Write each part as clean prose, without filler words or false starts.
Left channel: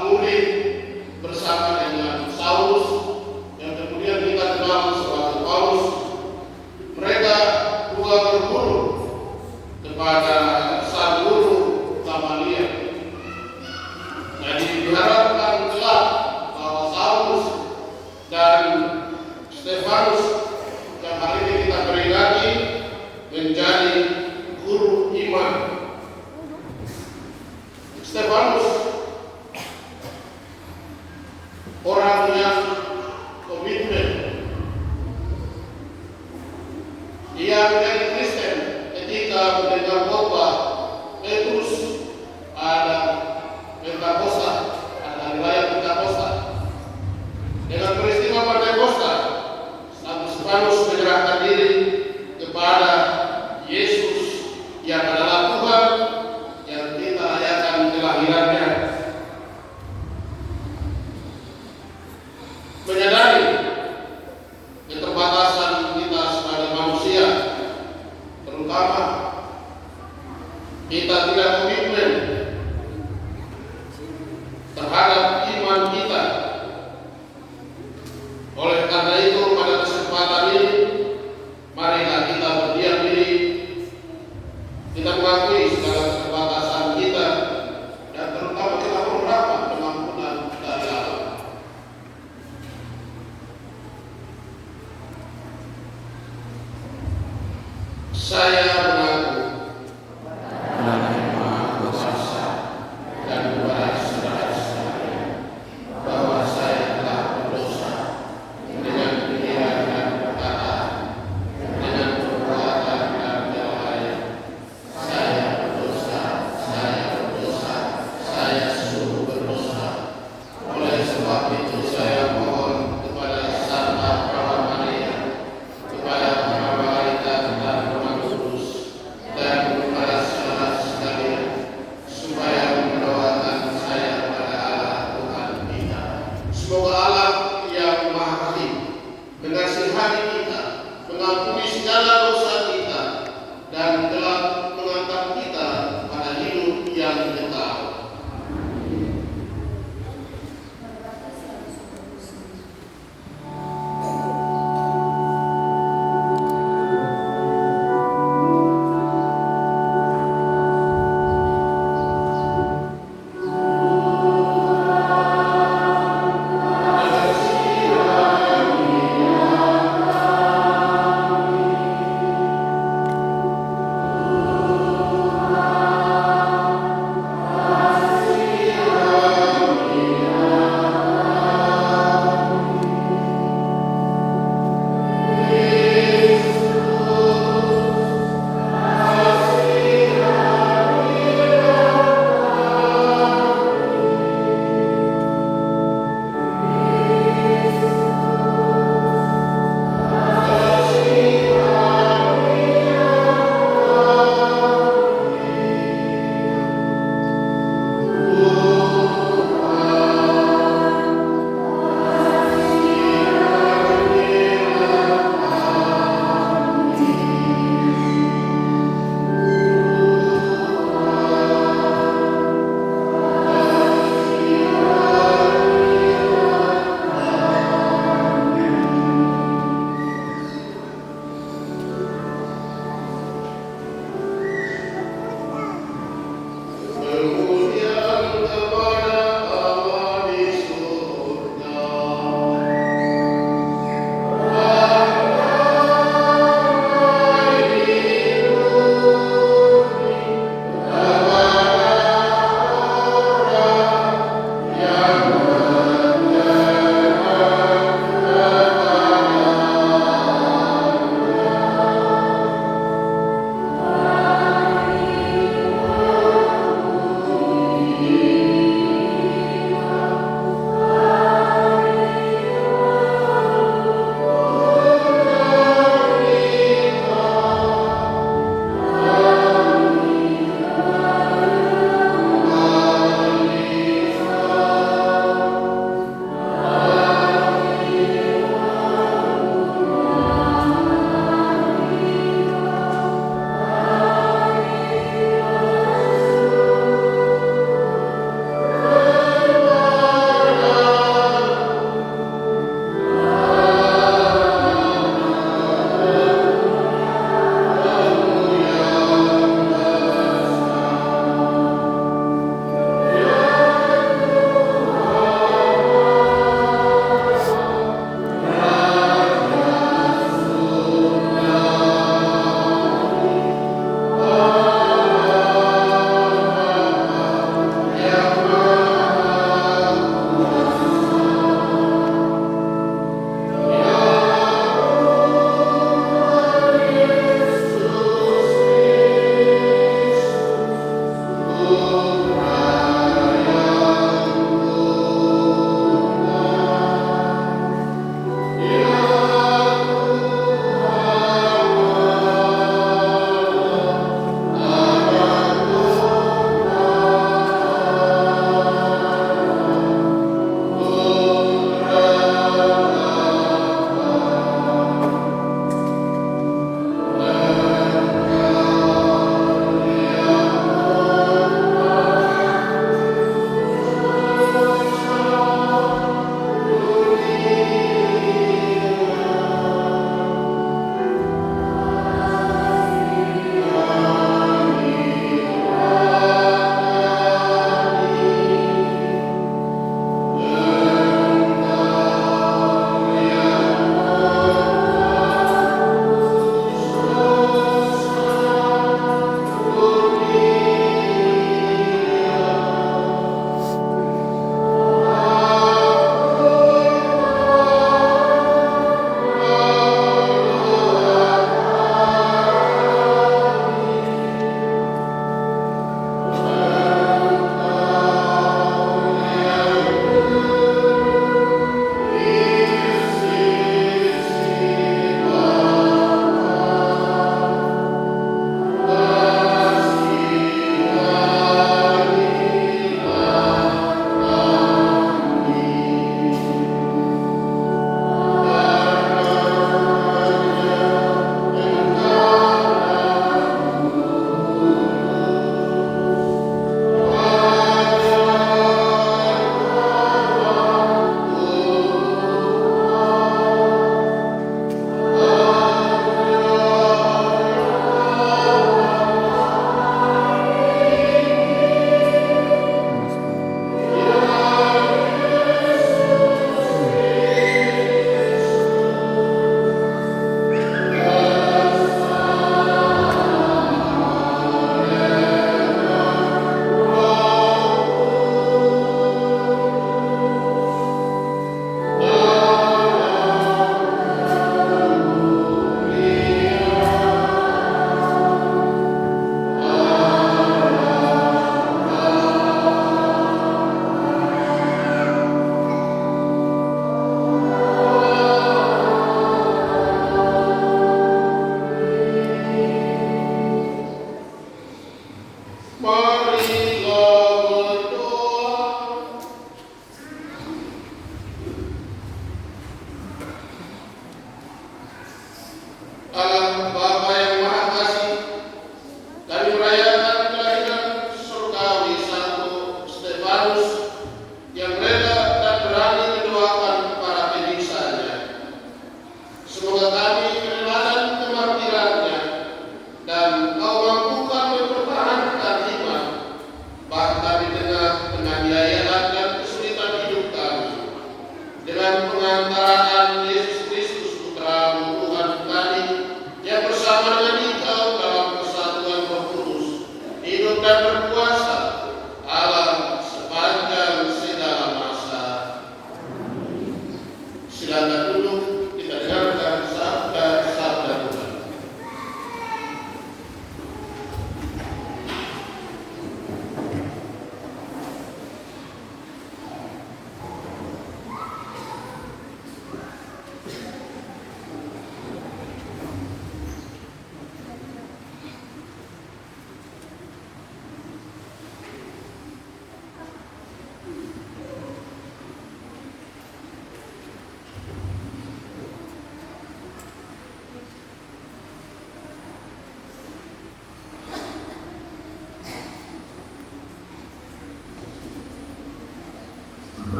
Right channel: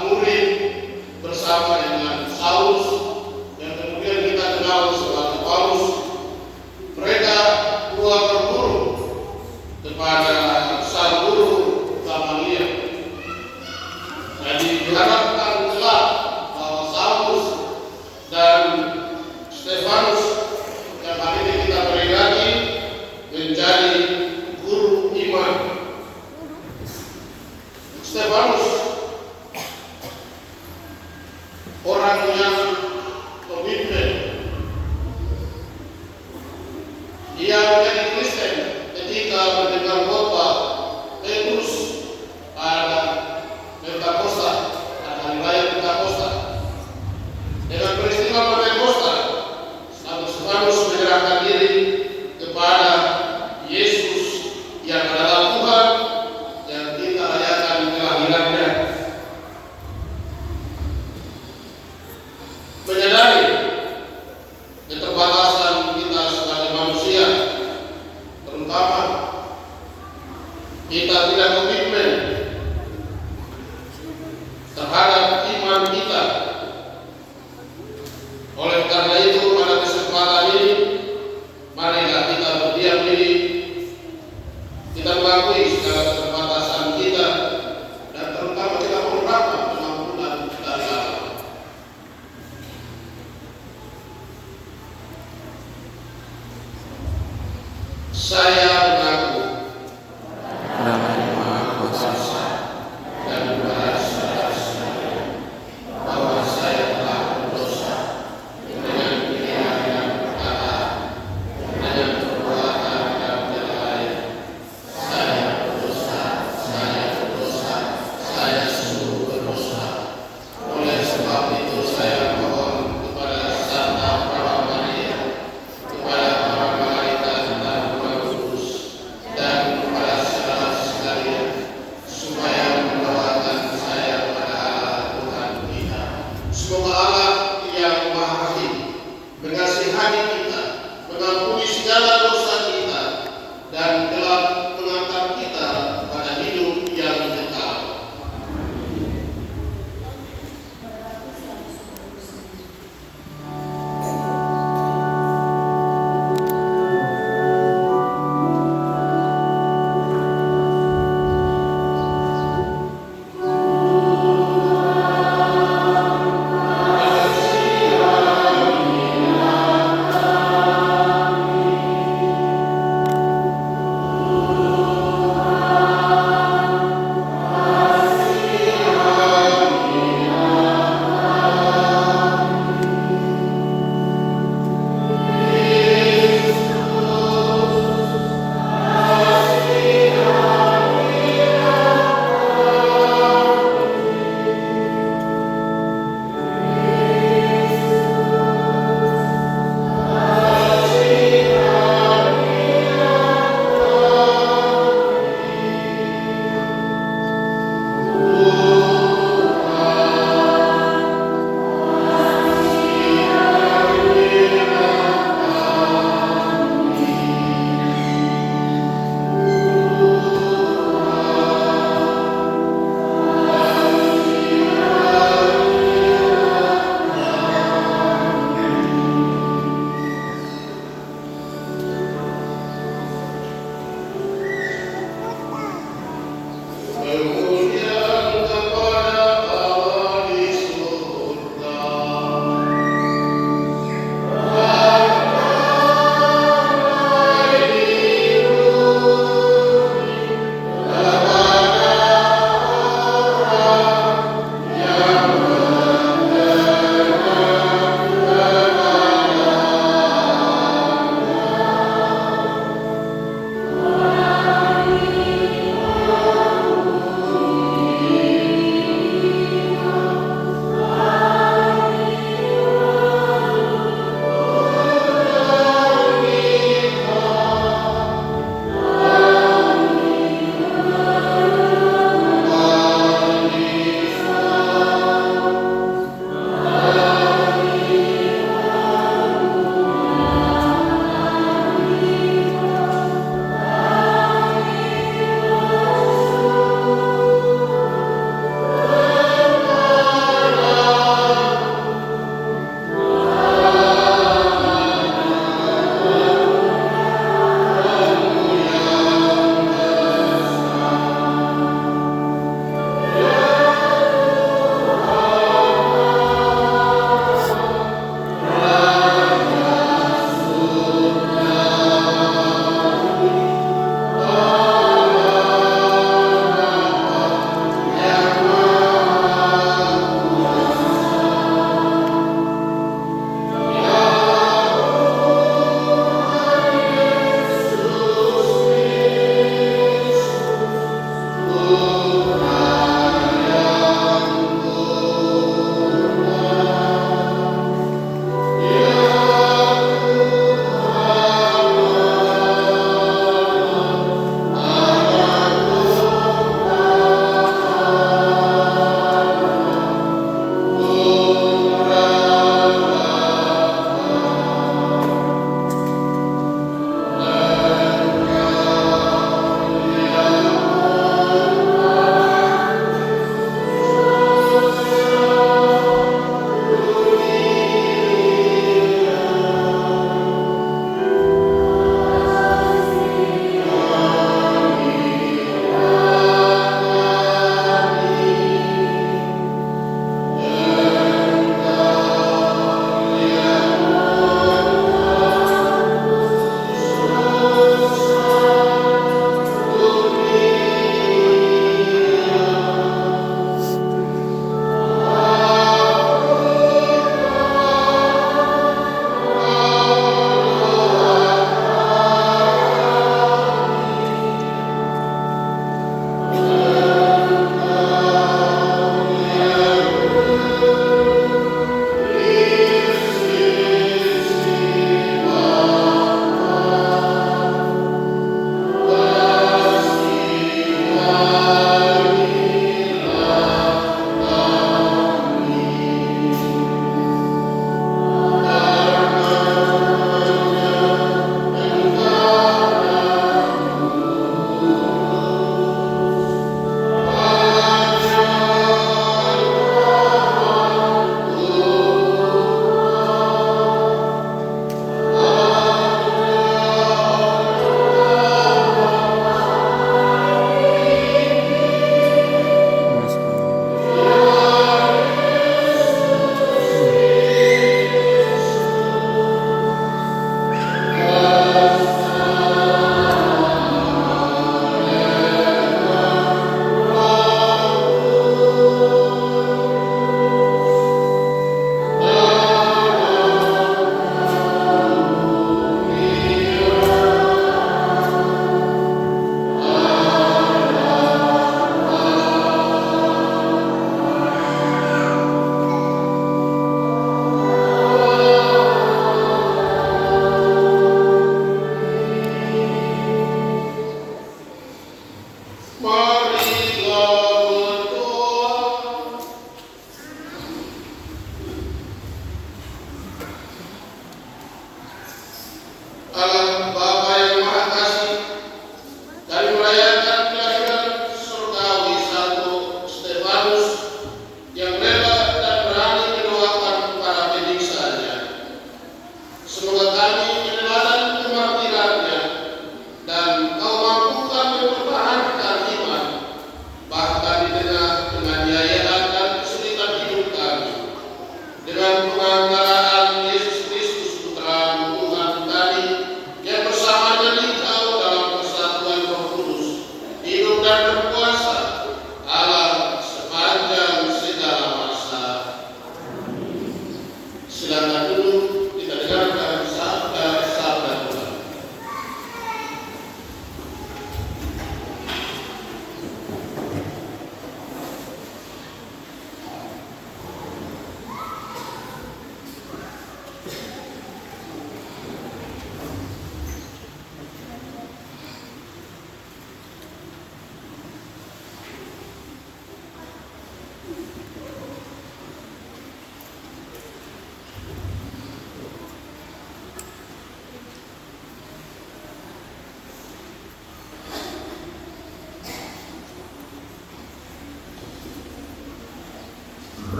murid bersama dengan Saulus yang kemudian kita kenal sebagai Paulus. Mereka dua berguru kepada sang guru Gamaliel. Jadi diharapkan kelak bahwa Saulus dan Stefanus yang hari ini kita peringati menjadi guru iman. Stefanus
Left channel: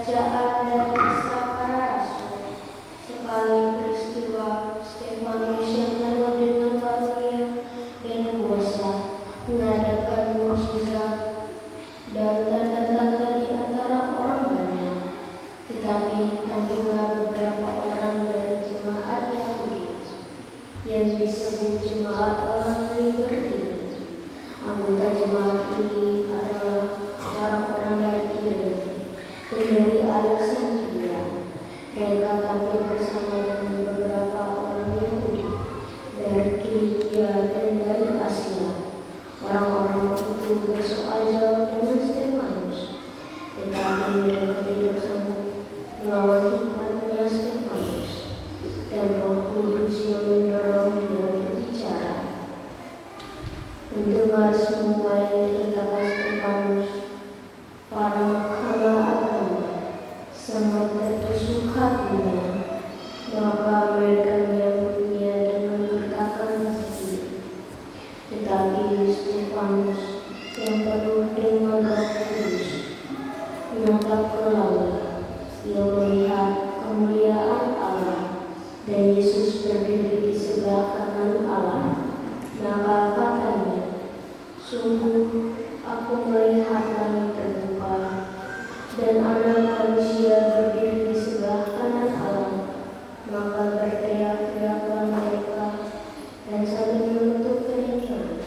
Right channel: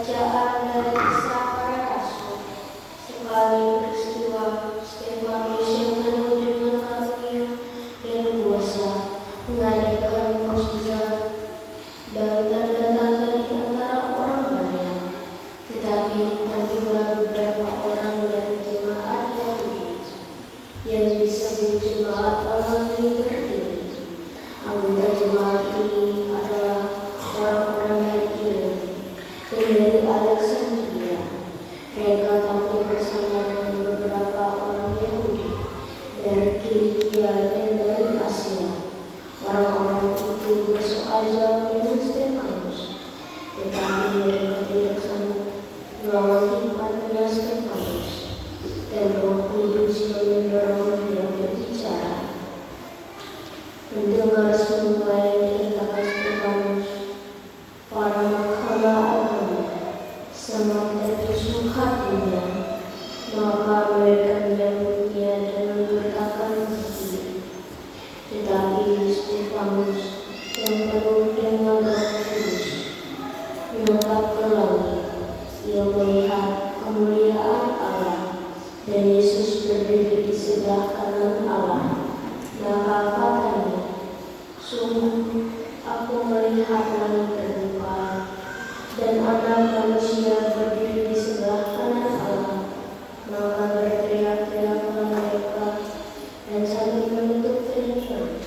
Bacaan dari Kisah Para Rasul. Sekali peristiwa Stefanus yang penuh dengan karunia dan kuasa mengadakan mukjizat dan tanda-tanda di antara orang banyak. Tetapi tertimbullah beberapa orang dari jemaat Yahudi yang disebut jemaat orang yang berdiri. Anggota jemaat ini adalah orang-orang dari Kirene dan dari Alexandria. Mereka tampil bersama dengan beberapa orang Yahudi dari Kilikia dan dari Asia. Orang-orang itu bersoal jawab dengan Stefanus, tetapi mereka tidak sanggup melawan hikmatnya Stefanus, dan Roh Kudus yang mendorong dia berbicara. Mendengar semua yang dikatakan Stefanus, para mahkamah agama sangat tertusuk hatinya, maka mereka menyambutnya dan memberitakan kasih. Tetapi Stefanus yang penuh dengan Roh Kudus menatap ke langit. Ia melihat kemuliaan Allah dan Yesus berdiri di sebelah kanan Allah. Maka katanya, sungguh aku melihat langit terbuka dan Anak Manusia berdiri di sebelah kanan Allah. Maka berteriak-teriaklah mereka dan sambil menutup telinga.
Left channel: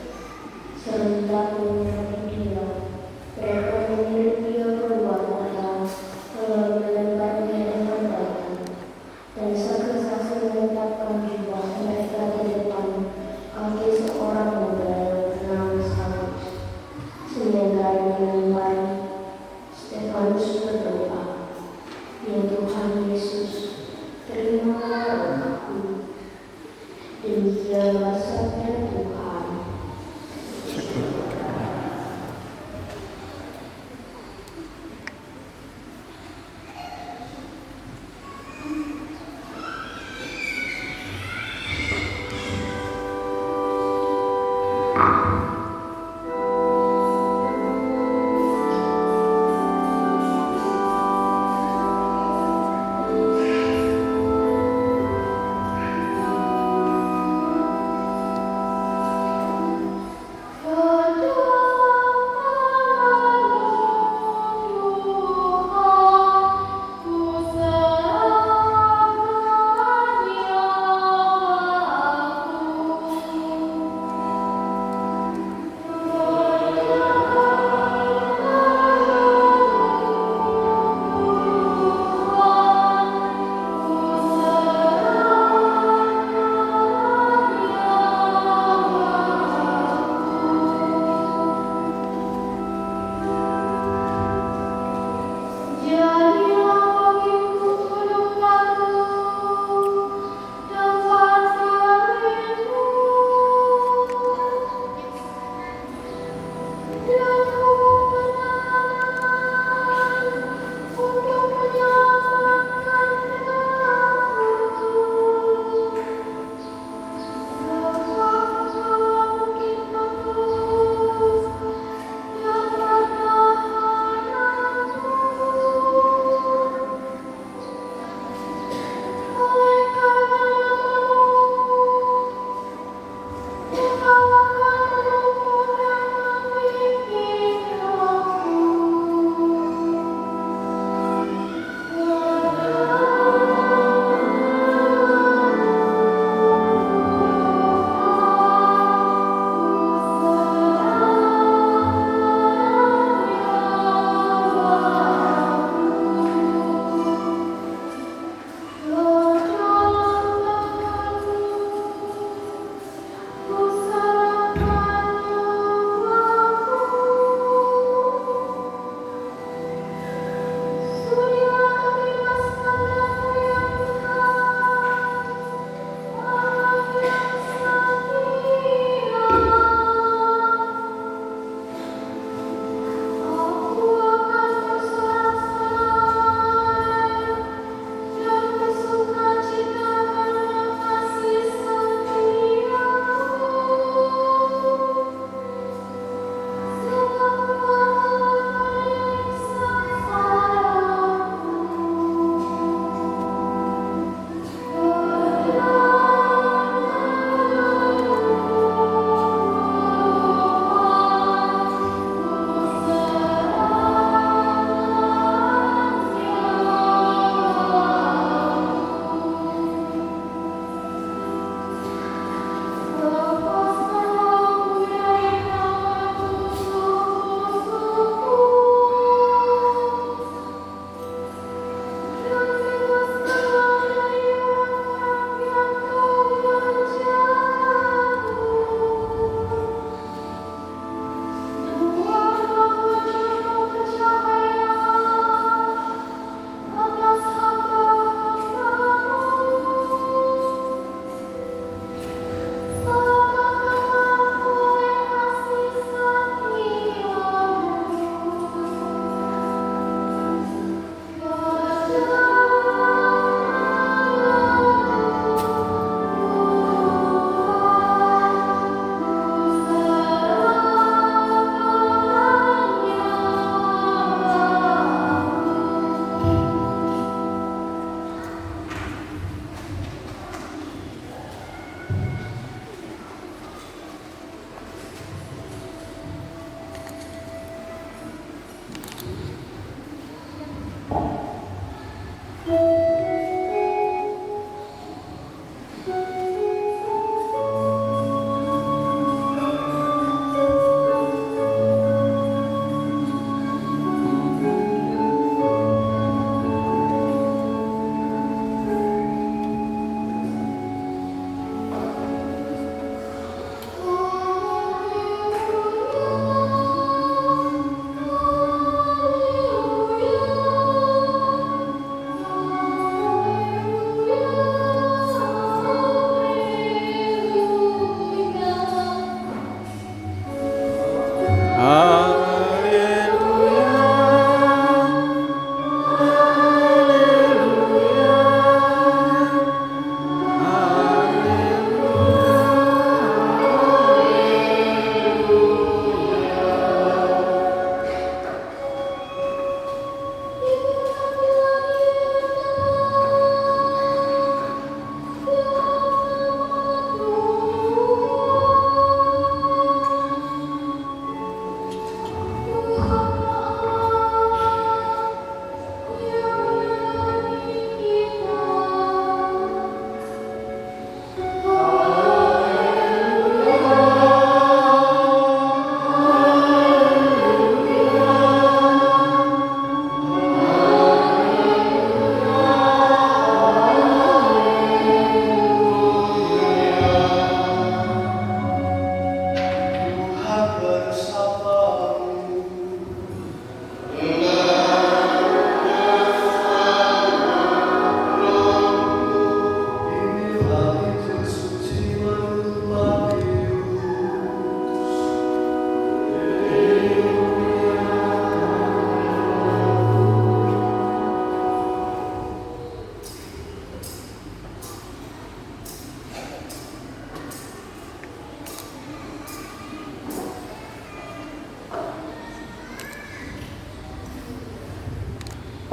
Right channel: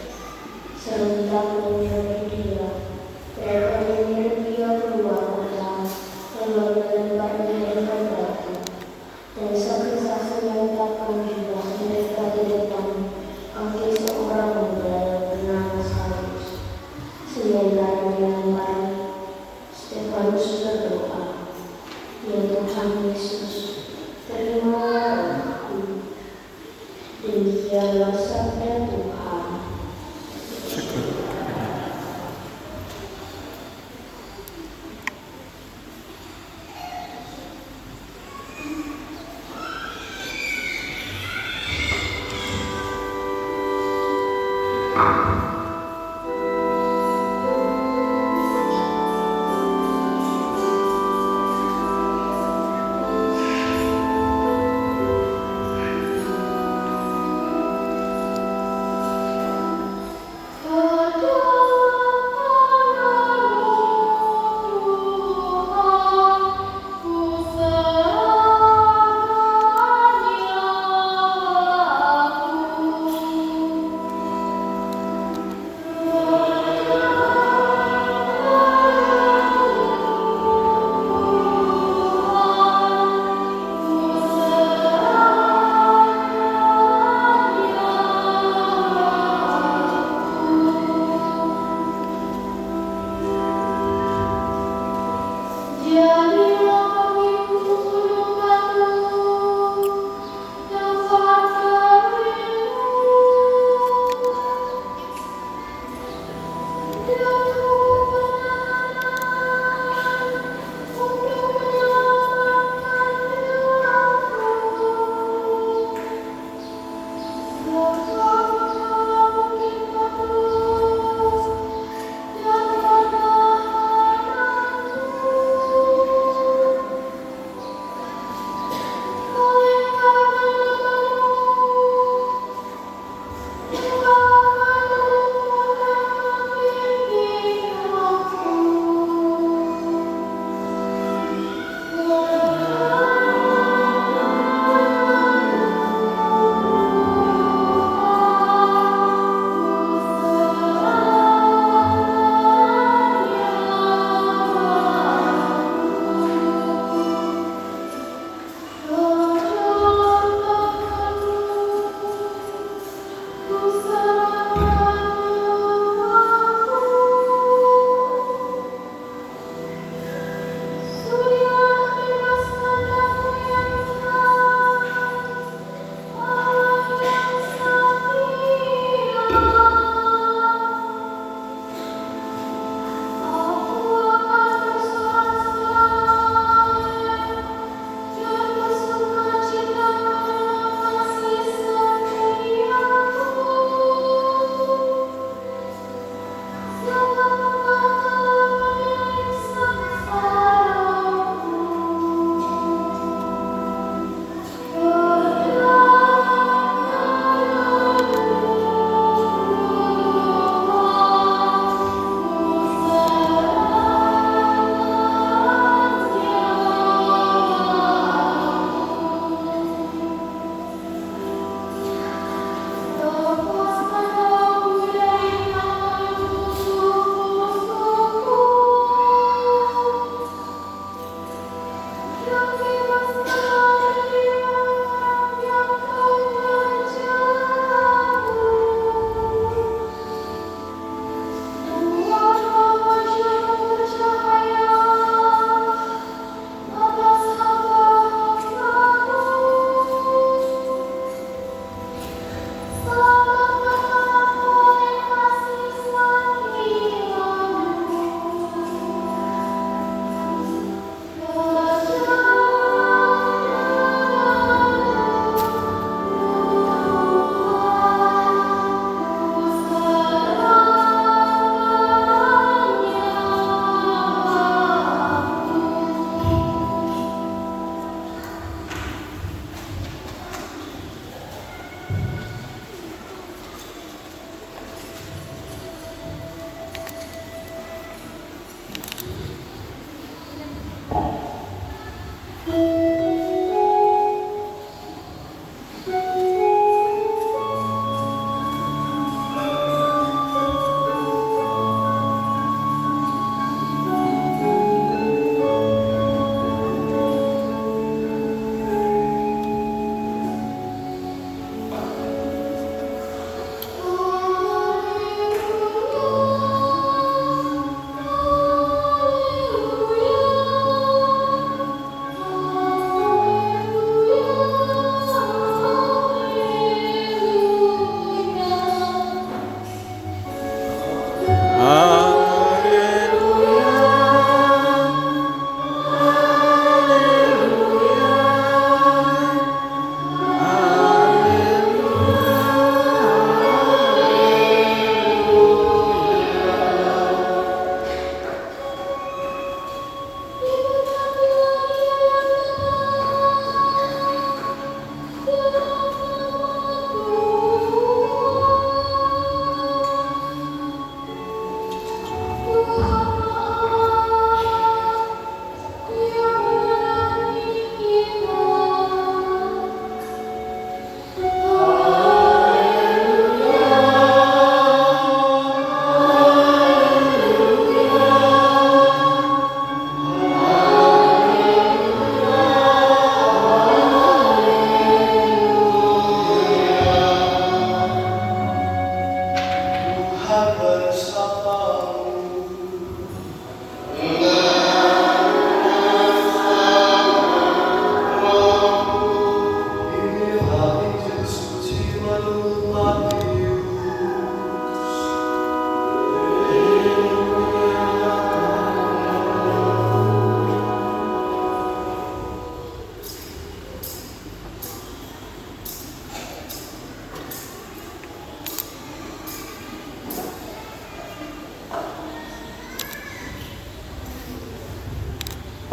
Serentak menyerang dia, mereka menyeret dia keluar kota, lalu melemparnya dengan batu. Dan saksi-saksi meletakkan juga mereka di depan kaki seorang muda yang bernama Saulus. Sementara dilempari, Stefanus berdoa, "Ya Tuhan Yesus, terimalah rohku." Demikianlah sabda Tuhan.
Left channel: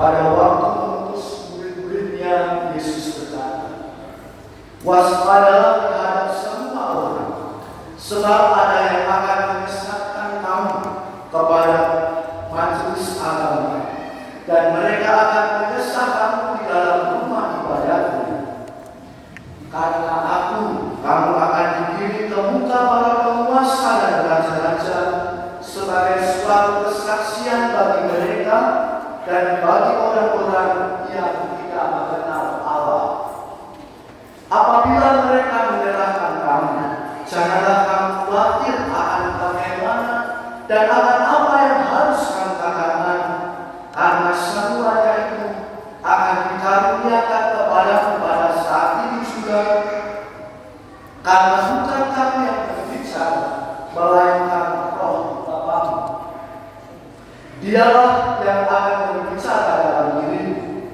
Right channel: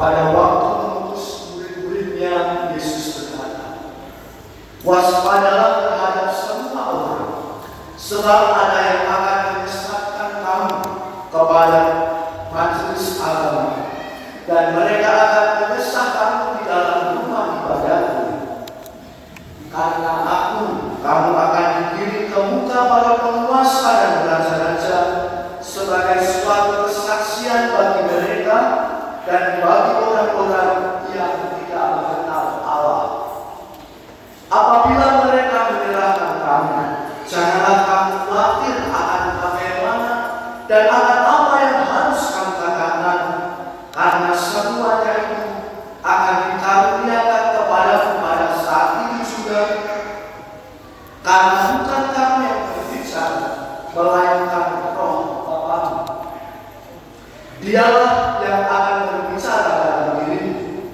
Pada waktu mengutus murid-muridnya, Yesus berkata, "Waspadalah terhadap semua orang, sebab ada yang akan menyesatkan kamu kepada majelis agama, dan mereka akan menyesatkan di dalam rumah ibadahku. Karena aku, kamu akan dikirim ke muka para penguasa dan raja-raja sebagai suatu kesaksian bagi mereka dan bagi orang-orang yang tidak mengenal Allah. Apabila mereka menyerahkan kamu, janganlah kamu khawatir akan bagaimana dan akan apa yang harus kamu katakan, karena semuanya itu akan dikaruniakan kepadamu pada saat itu juga. Karena bukan kamu yang berbicara, melainkan Roh Bapamu. Dialah yang akan berbicara dalam dirimu.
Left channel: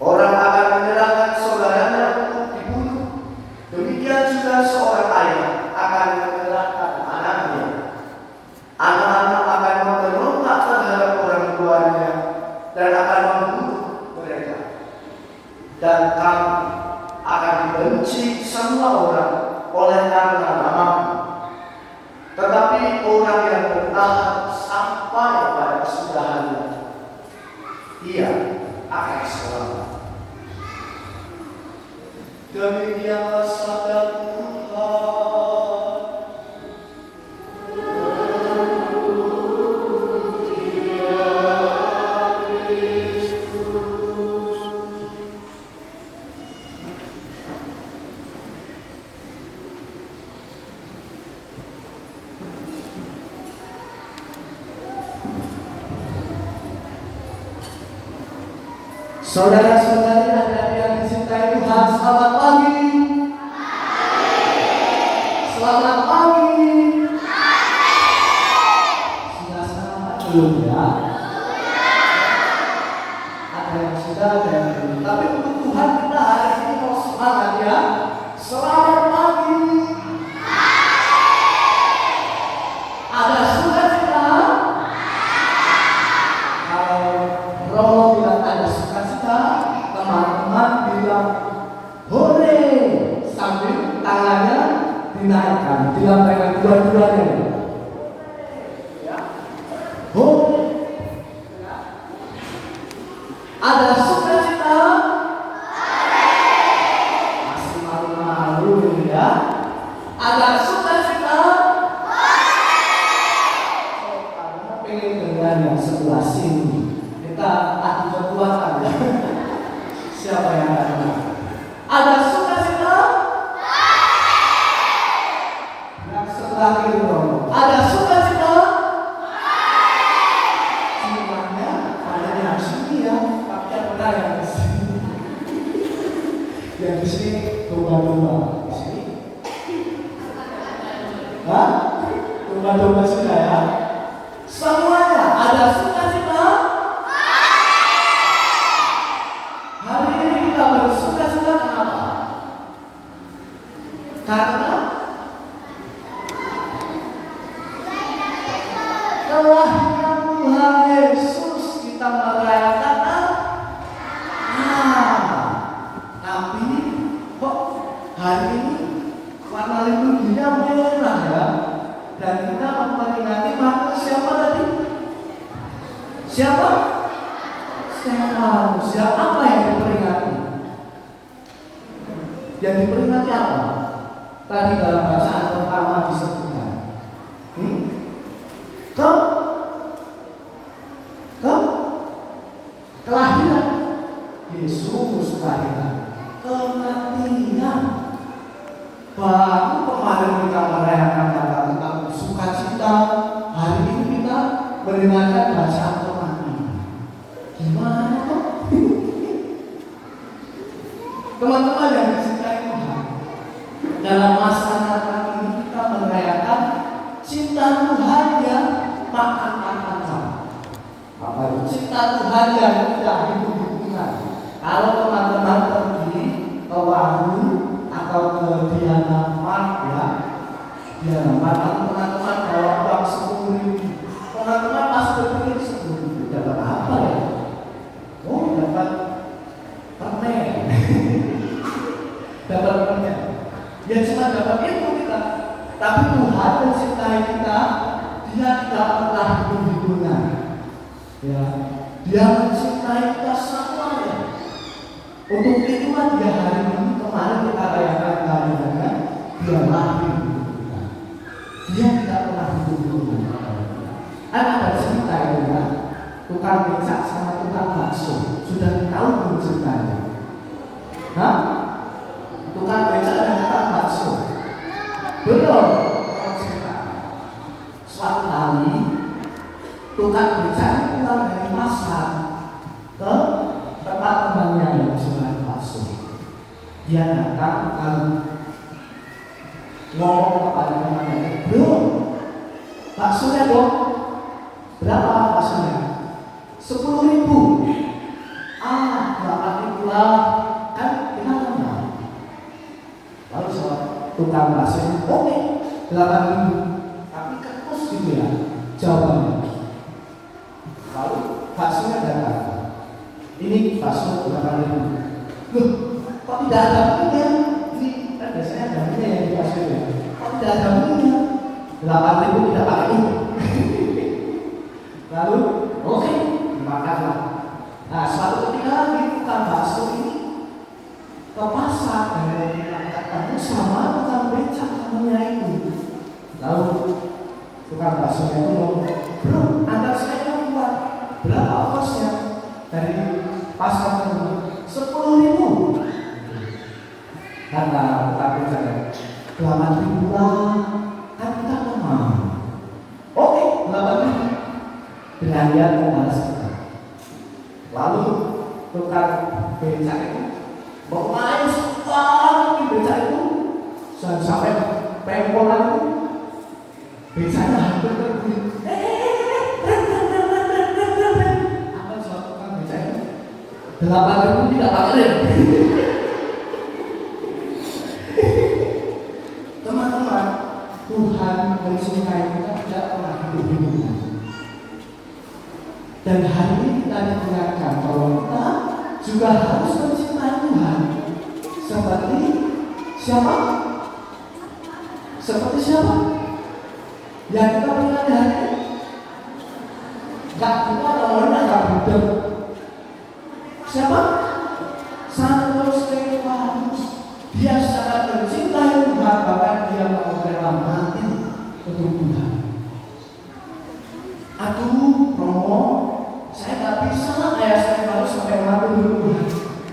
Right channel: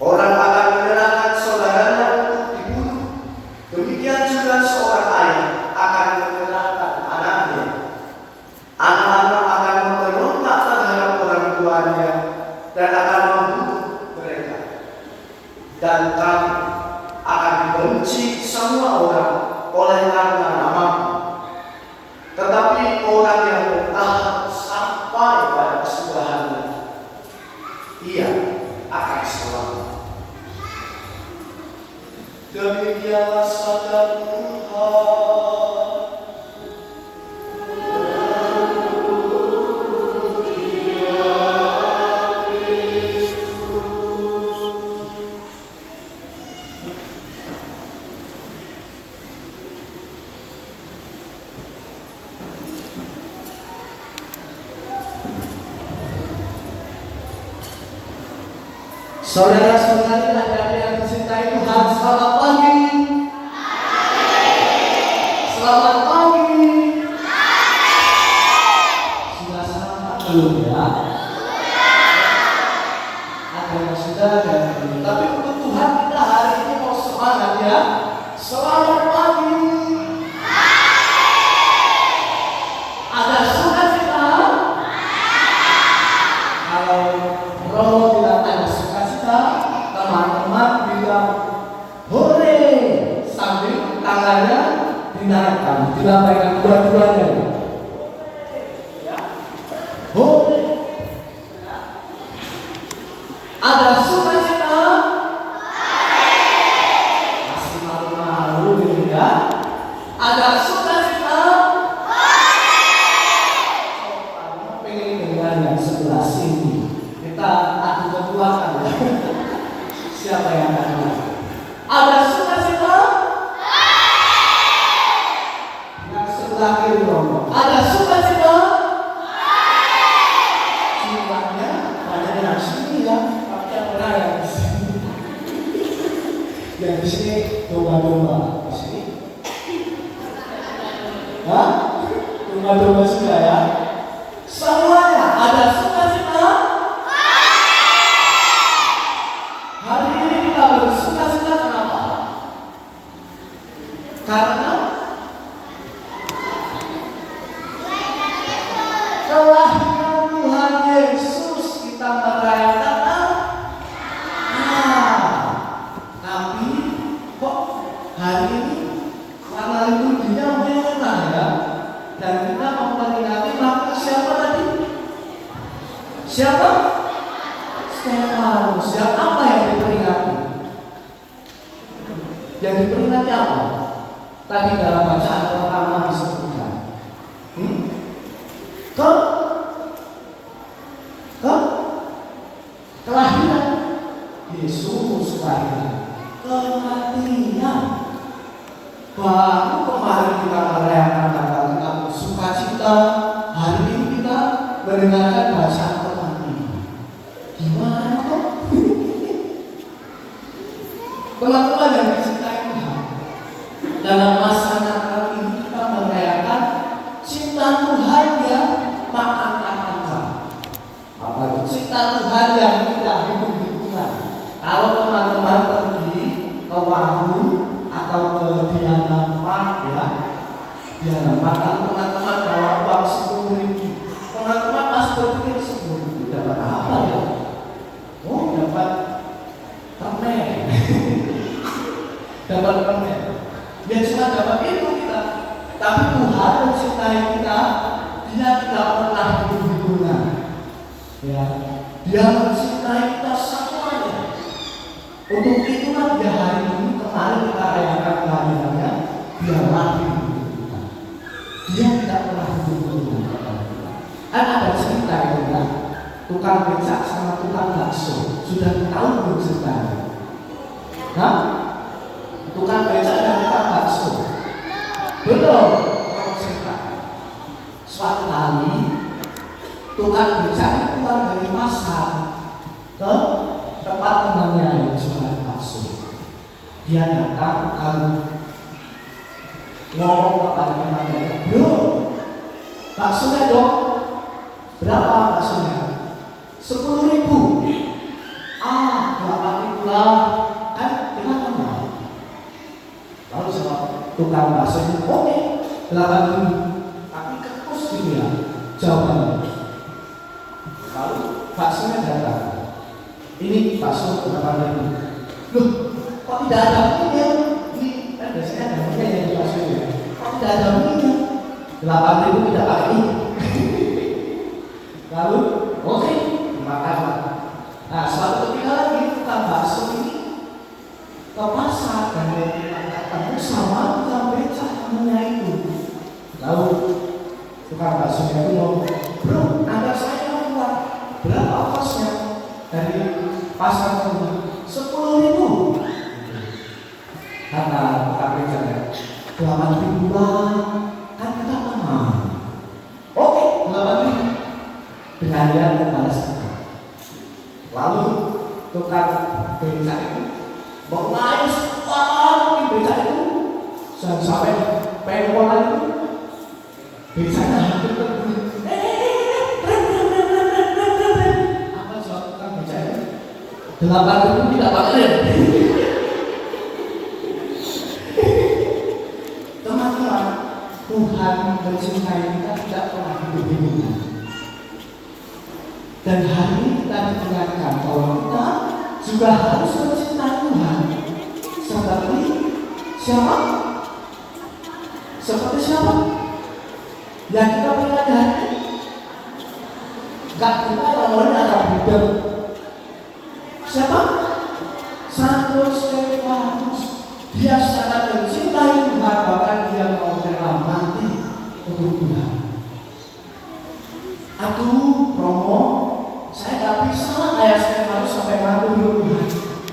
Orang akan menyerahkan saudaranya untuk dibunuh. Demikian juga seorang ayah akan menyerahkan anaknya. Anak-anak akan memberontak terhadap orang tuanya dan akan membunuh mereka. Dan kamu akan dibenci semua orang oleh karena namaku. Tetapi orang yang bertahan sampai pada kesudahannya, ia akan selamat." Demikianlah sabda Tuhan. Saudara-saudari adik-adik yang dicintai Tuhan, selamat pagi. Selamat pagi. Sudah sarapan belum ya? Ada yang sudah, ada yang belum. Tapi untuk Tuhan kita hari ini mau semangat ya. Selamat pagi. Ada sukacita? Kalau Romo bilang ada sukacita, teman-teman bilang hore sambil tangannya dinaikkan, dilambaikan dua-duanya. Ya. Hore. Ada sukacita? Masih malu-malu gitu ya. Ada sukacita? Oh, kamu pengen dengar yang sebelah sini. Kita adu kekuatan ya. Siapa yang akan dengar? Ada sukacita? Yang sebelah kiri dong. Ada sukacita? Jumlahnya banyak yang sini ya. Tapi pernah yang di sini. Yang di sini domba-domba. Di sini? Hah? Domba-domba sudah ya. Semuanya ada sukacita? Hari ini kita bersukacita kenapa? Karena kelahiran Tuhan Yesus kita merayakan. Tapi kok hari ini warna liturginya merah ya? Dan kita memperingati maka siapa tadi? Siapa? Stefanus. Yang apa yang diperingati? Yang diperingati apa? Tadi dalam bacaan pertama disebutkan. Kelahiran Yesus, kelahiran, kematian. Baru kemarin kita merayakan tentang sukacita. Hari ini kita mendengarkan bacaan kematian. Gimana kok? Teman-teman yang dicintai Tuhan, dalam masyarakat ini kita merayakan cinta Tuhan yang tak akan. Apa itu cinta Tuhan yang tidak hitung-hitungan? Kalau teman-teman pergi ke warung atau ke Diana Mart ya, Diana Mart, teman-teman bawa uang 10.000, teman-teman pas berpikir 10.000 dapat apa ya? Oh dapat permen. Ya cuma dapat itu kita. Tapi Tuhan mencintai kita, Dia tidak pernah hitung-hitungan. Ya, Dia mencintai kita semuanya. Untuk itulah Dia hari ini kemarin kita rayakan kehadirannya, Dia lahir untuk kita. Dia tidak pernah hitung-hitungan kepada kita. Ada cerita itu ya, tukang becak sama tukang bakso. Sudah tahu belum ceritanya? Hah? Tukang becak dan tukang bakso. Belum. Kalau cerita. Suatu kali tukang becak pulang dari pasar ke tempat temannya yang jualan bakso. Dia datang lalu ngomong kepada temannya, "Bro, baksonya dong. Berapa baksonya?" 10.000. 8.000 lah. Kan kita kenal. Lalu jawab tukang bakso ini, "Oke, 8.000. Tapi ketus gitu ya jawabannya." Lalu baksonya datang. "Ini bakso 8.000. Loh, kok tidak ada minyak? Ini kan biasanya ada minyak yang di bakso ya. Kok tidak ada minyak? 8.000 tidak pakai ini." Lalu, oke, dimakanlah. Nah, suatu ketika lagi tukang bakso ini ke pasar dan mau ketemu sama tukang becak namanya itu. Lalu tukang bakso itu ngomong, "Bro, antar saya keluar. Berapa ongkosnya dari pasar ke rumah?" 10.000. Kata tukang becaknya, 8.000 lah. Kan kita kenal. Oke, 8.000. Dengan dia membalas kita. Lalu tukang becak itu mau main di becak itu sampai pengkolan itu becaknya hampir terguling. Apa jawab tukang becak itu? 8.000 tidak pakai rem. Teman-teman, Tuhan mencintai kita tidak pernah hitung-hitungan. Dan hari ini kita diperingatkan bahwa kita juga harus mencintai Tuhan. Seperti siapa? Seperti siapa? Yang kita peringati hari ini. Gak kita namanya anak budak. Siapa? Santo Stefanus. Dia sangat mencintai Tuhan, bahkan dia mau rela mati untuk Tuhan. Aduh, Romo, saya gak bisa lah kayak Stefanus sampai mati untuk Tuhan.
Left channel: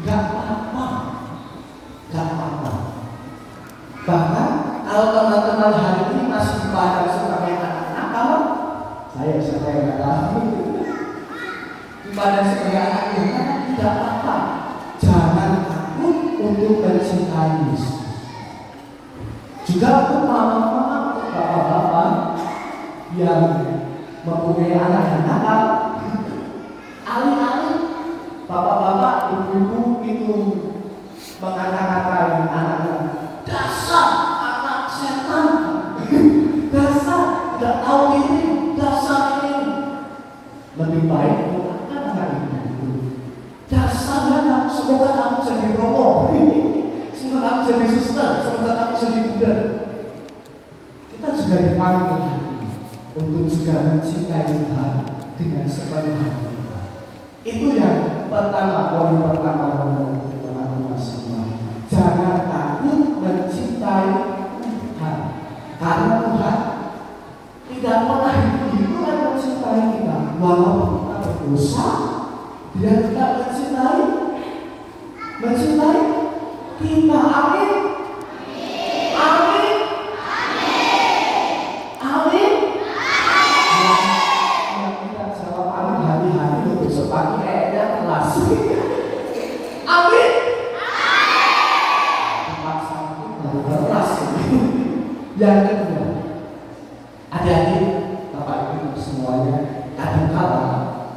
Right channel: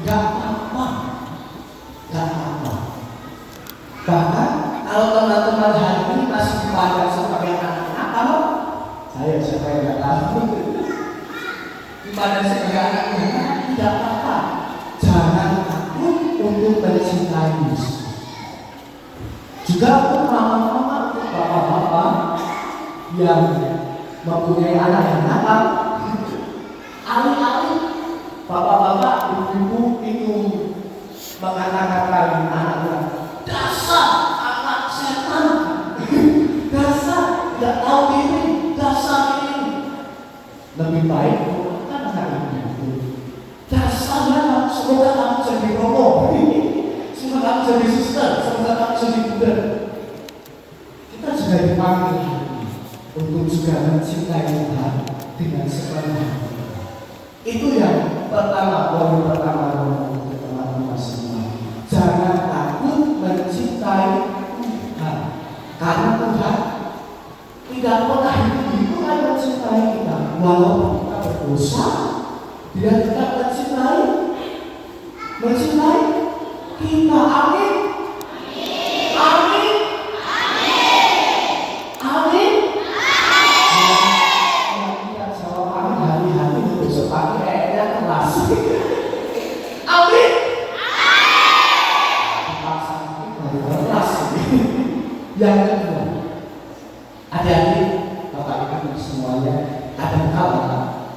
Gak apa-apa. Gak apa-apa. Bahkan kalau teman-teman hari ini masih dipandang sebagai anak-anak, kalau saya siapa yang gak tahu dipandang sebagai anak yang tidak apa-apa. Jangan takut untuk mencintai Yesus. Juga untuk mama-mama, untuk bapak-bapak yang mempunyai anak yang nakal, alih-alih bapak-bapak, ibu-ibu itu mengatakan anaknya, "Dasar anak setan, dasar tidak tahu diri, dasar ini." Lebih baik bukan anak itu. Dasarnya semoga kamu jadi romo, semoga kamu jadi suster, semoga kamu jadi budak. Kita juga dipanggil untuk juga mencintai Tuhan dengan sepenuh hati. Itu yang pertama, poin pertama untuk teman-teman semua. Jangan takut mencintai Tuhan, karena Tuhan tidak pernah hitung-hitungan mencintai kita. Walaupun kita berdosa, Dia tidak mencintai kita. Amin. Amin. Amin. Yang kita jawab amin hari-hari itu besok pagi kayaknya kelas. Amin. Dipaksa baru kelas. Yang kedua, adik-adik, Bapak Ibu semuanya, kadang-kala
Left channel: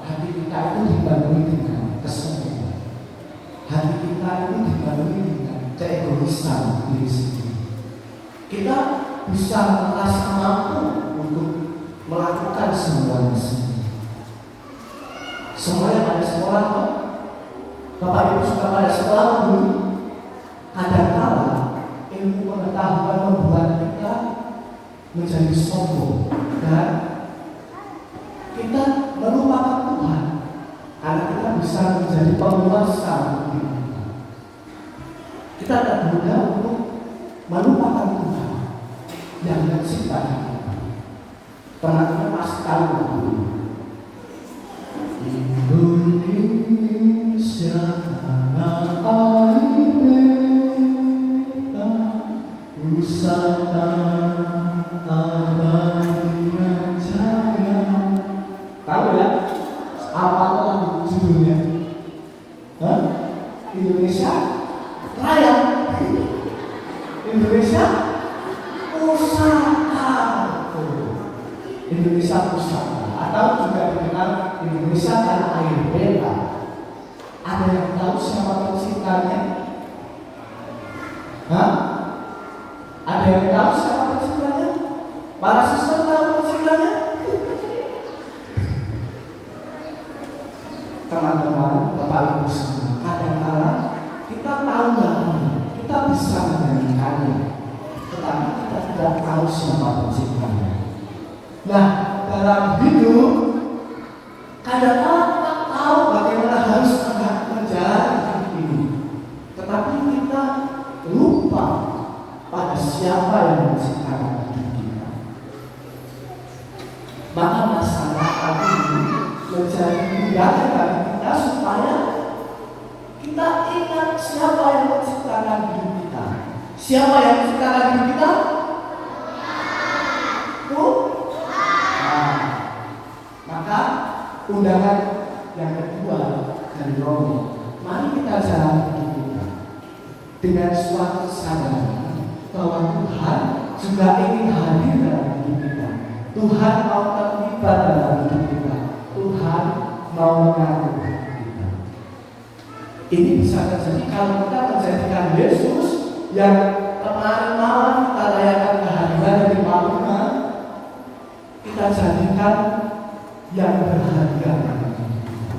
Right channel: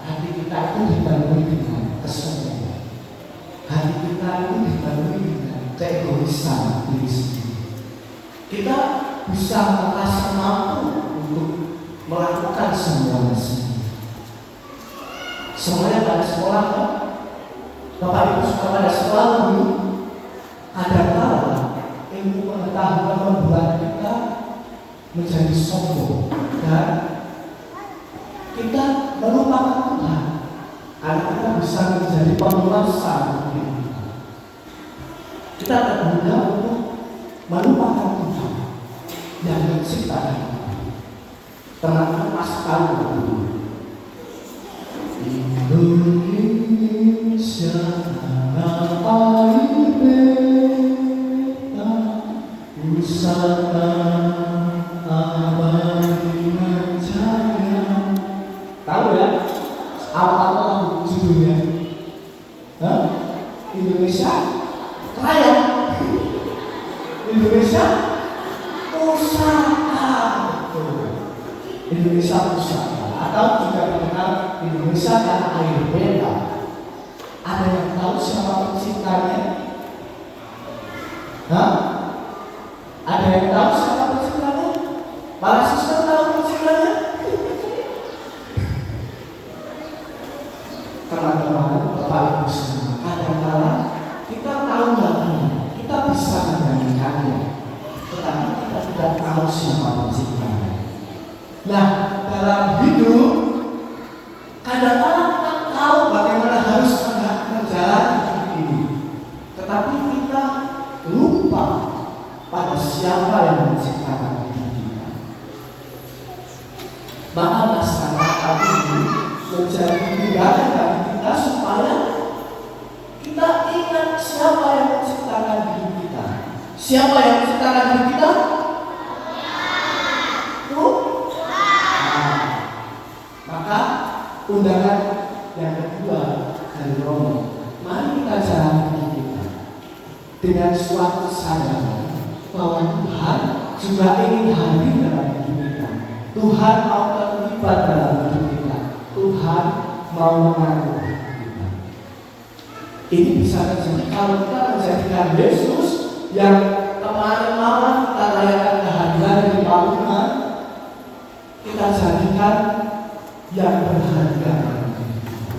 hati kita itu dipenuhi dengan kesombongan. Hati kita itu dipenuhi dengan keegoisan diri sendiri. Kita bisa merasa mampu untuk melakukan semuanya sendiri. Semuanya pada sekolah, kan? Bapak Ibu suka pada sekolah dulu. Kadang-kala kita bukan membuat kita menjadi sombong dan kita melupakan Tuhan, karena kita bisa menjadi penguasa hidup kita. Kita tak mudah untuk melupakan Tuhan yang menciptakan kita. Teman-teman pasti tahu Indonesia tanah air beta, Pusaka abadi jaya. Tahu ya? Apa lagu judulnya? Indonesia Raya, Indonesia Pusaka, Indonesia Pusaka, atau juga dikenal Indonesia tanah air beta. Ada yang tahu siapa penciptanya? Ada yang tahu siapa penciptanya? Para siswa tahu penciptanya? Teman-teman, Bapak Ibu semua, kadang-kadang kita tahu lagunya, kita bisa menyanyikannya, tetapi kita tidak tahu siapa penciptanya. Nah, dalam hidup kadang-kadang kita tahu bagaimana harus menjalani hidup ini, tetapi kita lupa pada siapa yang menciptakan hidup kita. Maka masalah ini menjadi tindakan bagi kita supaya kita ingat siapa yang menciptakan hidup kita. Siapa yang menciptakan hidup kita? Maka undangan yang kedua dari Romo, mari kita jalani hidup kita dengan suatu kesadaran bahwa Tuhan juga ingin hadir dalam hidup kita. Tuhan mau terlibat dalam hidup kita. Tuhan mau mengatur hidup kita. Ini bisa terjadi kalau kita menjadikan Yesus yang kemarin malam kita rayakan kehadiran dari Pak Umar, kita jadikan yang berharga dalam hidup kita.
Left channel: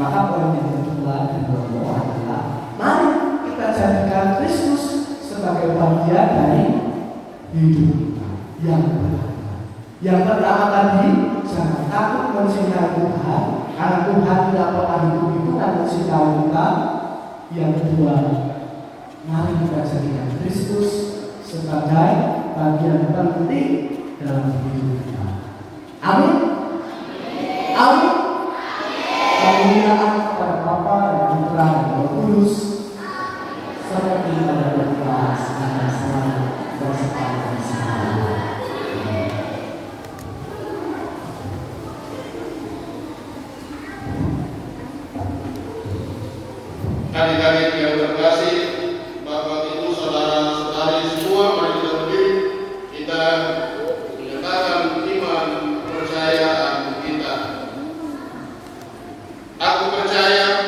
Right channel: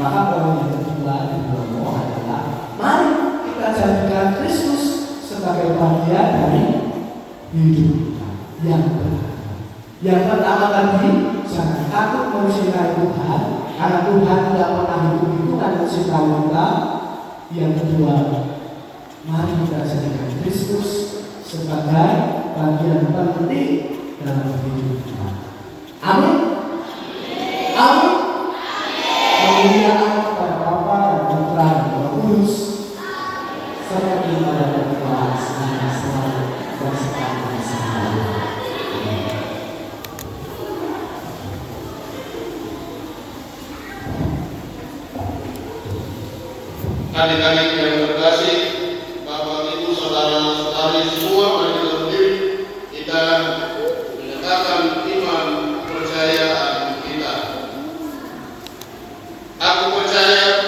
Maka poin yang kedua di bawah adalah mari kita jadikan Kristus sebagai bagian dari hidup kita yang berharga. Yang pertama tadi, jangan takut mencintai Tuhan, karena Tuhan tidak pernah hitung-hitungan mencintai kita. Yang kedua, mari kita jadikan Kristus sebagai bagian penting dalam hidup kita. Amin. Amin. Kemuliaan kepada Bapa dan Putra dan Roh Kudus, seperti pada permulaan sekarang selalu dan sekarang selalu. Adik-adik yang terkasih, Bapak Ibu, saudara-saudari semua, mari kita berdiri. Kita menyatakan iman kepercayaan kita. Aku percaya yang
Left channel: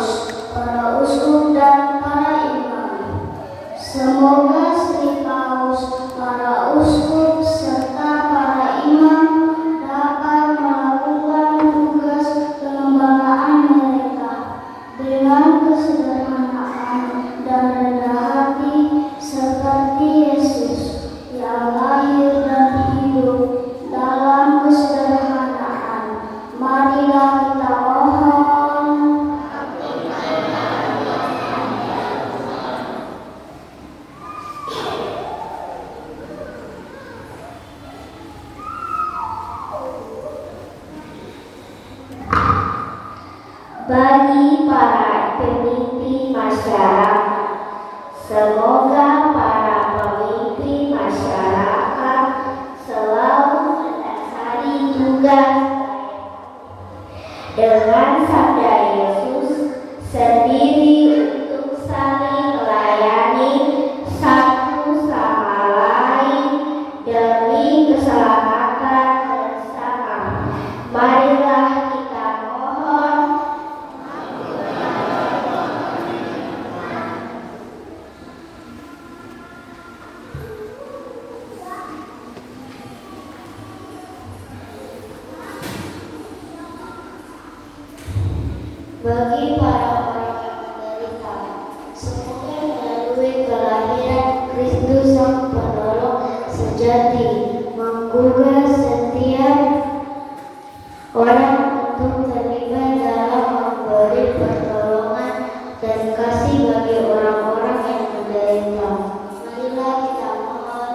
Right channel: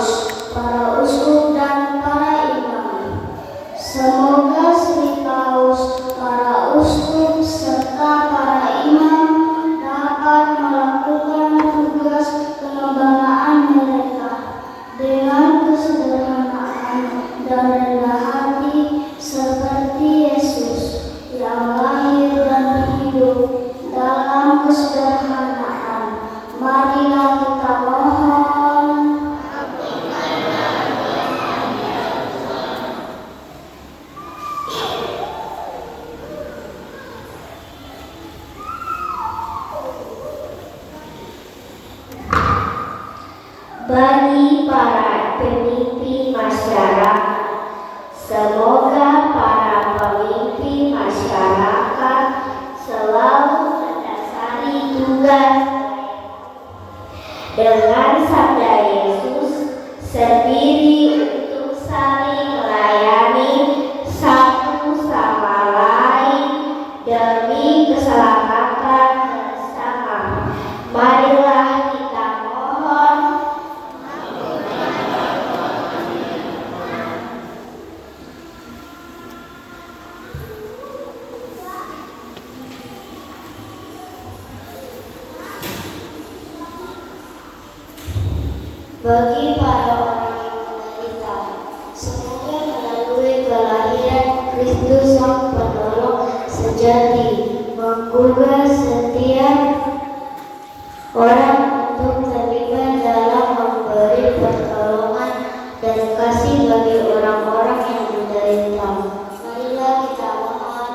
paus, para uskup dan para imam. Semoga Sri Paus, para uskup serta para imam dapat melakukan tugas kelembagaan mereka dengan kesederhanaan dan rendah hati seperti Yesus yang lahir dan hidup dalam kesederhanaan. Marilah kita mohon. Bagi para pemimpin masyarakat, semoga para pemimpin masyarakat selalu mendasari tugas dengan sabda Yesus sendiri untuk saling melayani satu sama lain demi keselamatan bersama. Marilah kita mohon. Bagi para orang yang menderita, semoga melalui kelahiran Kristus Sang Penolong sejati menggugah setiap orang untuk terlibat dalam memberi pertolongan dan kasih bagi orang-orang yang menderita. Marilah kita mohon.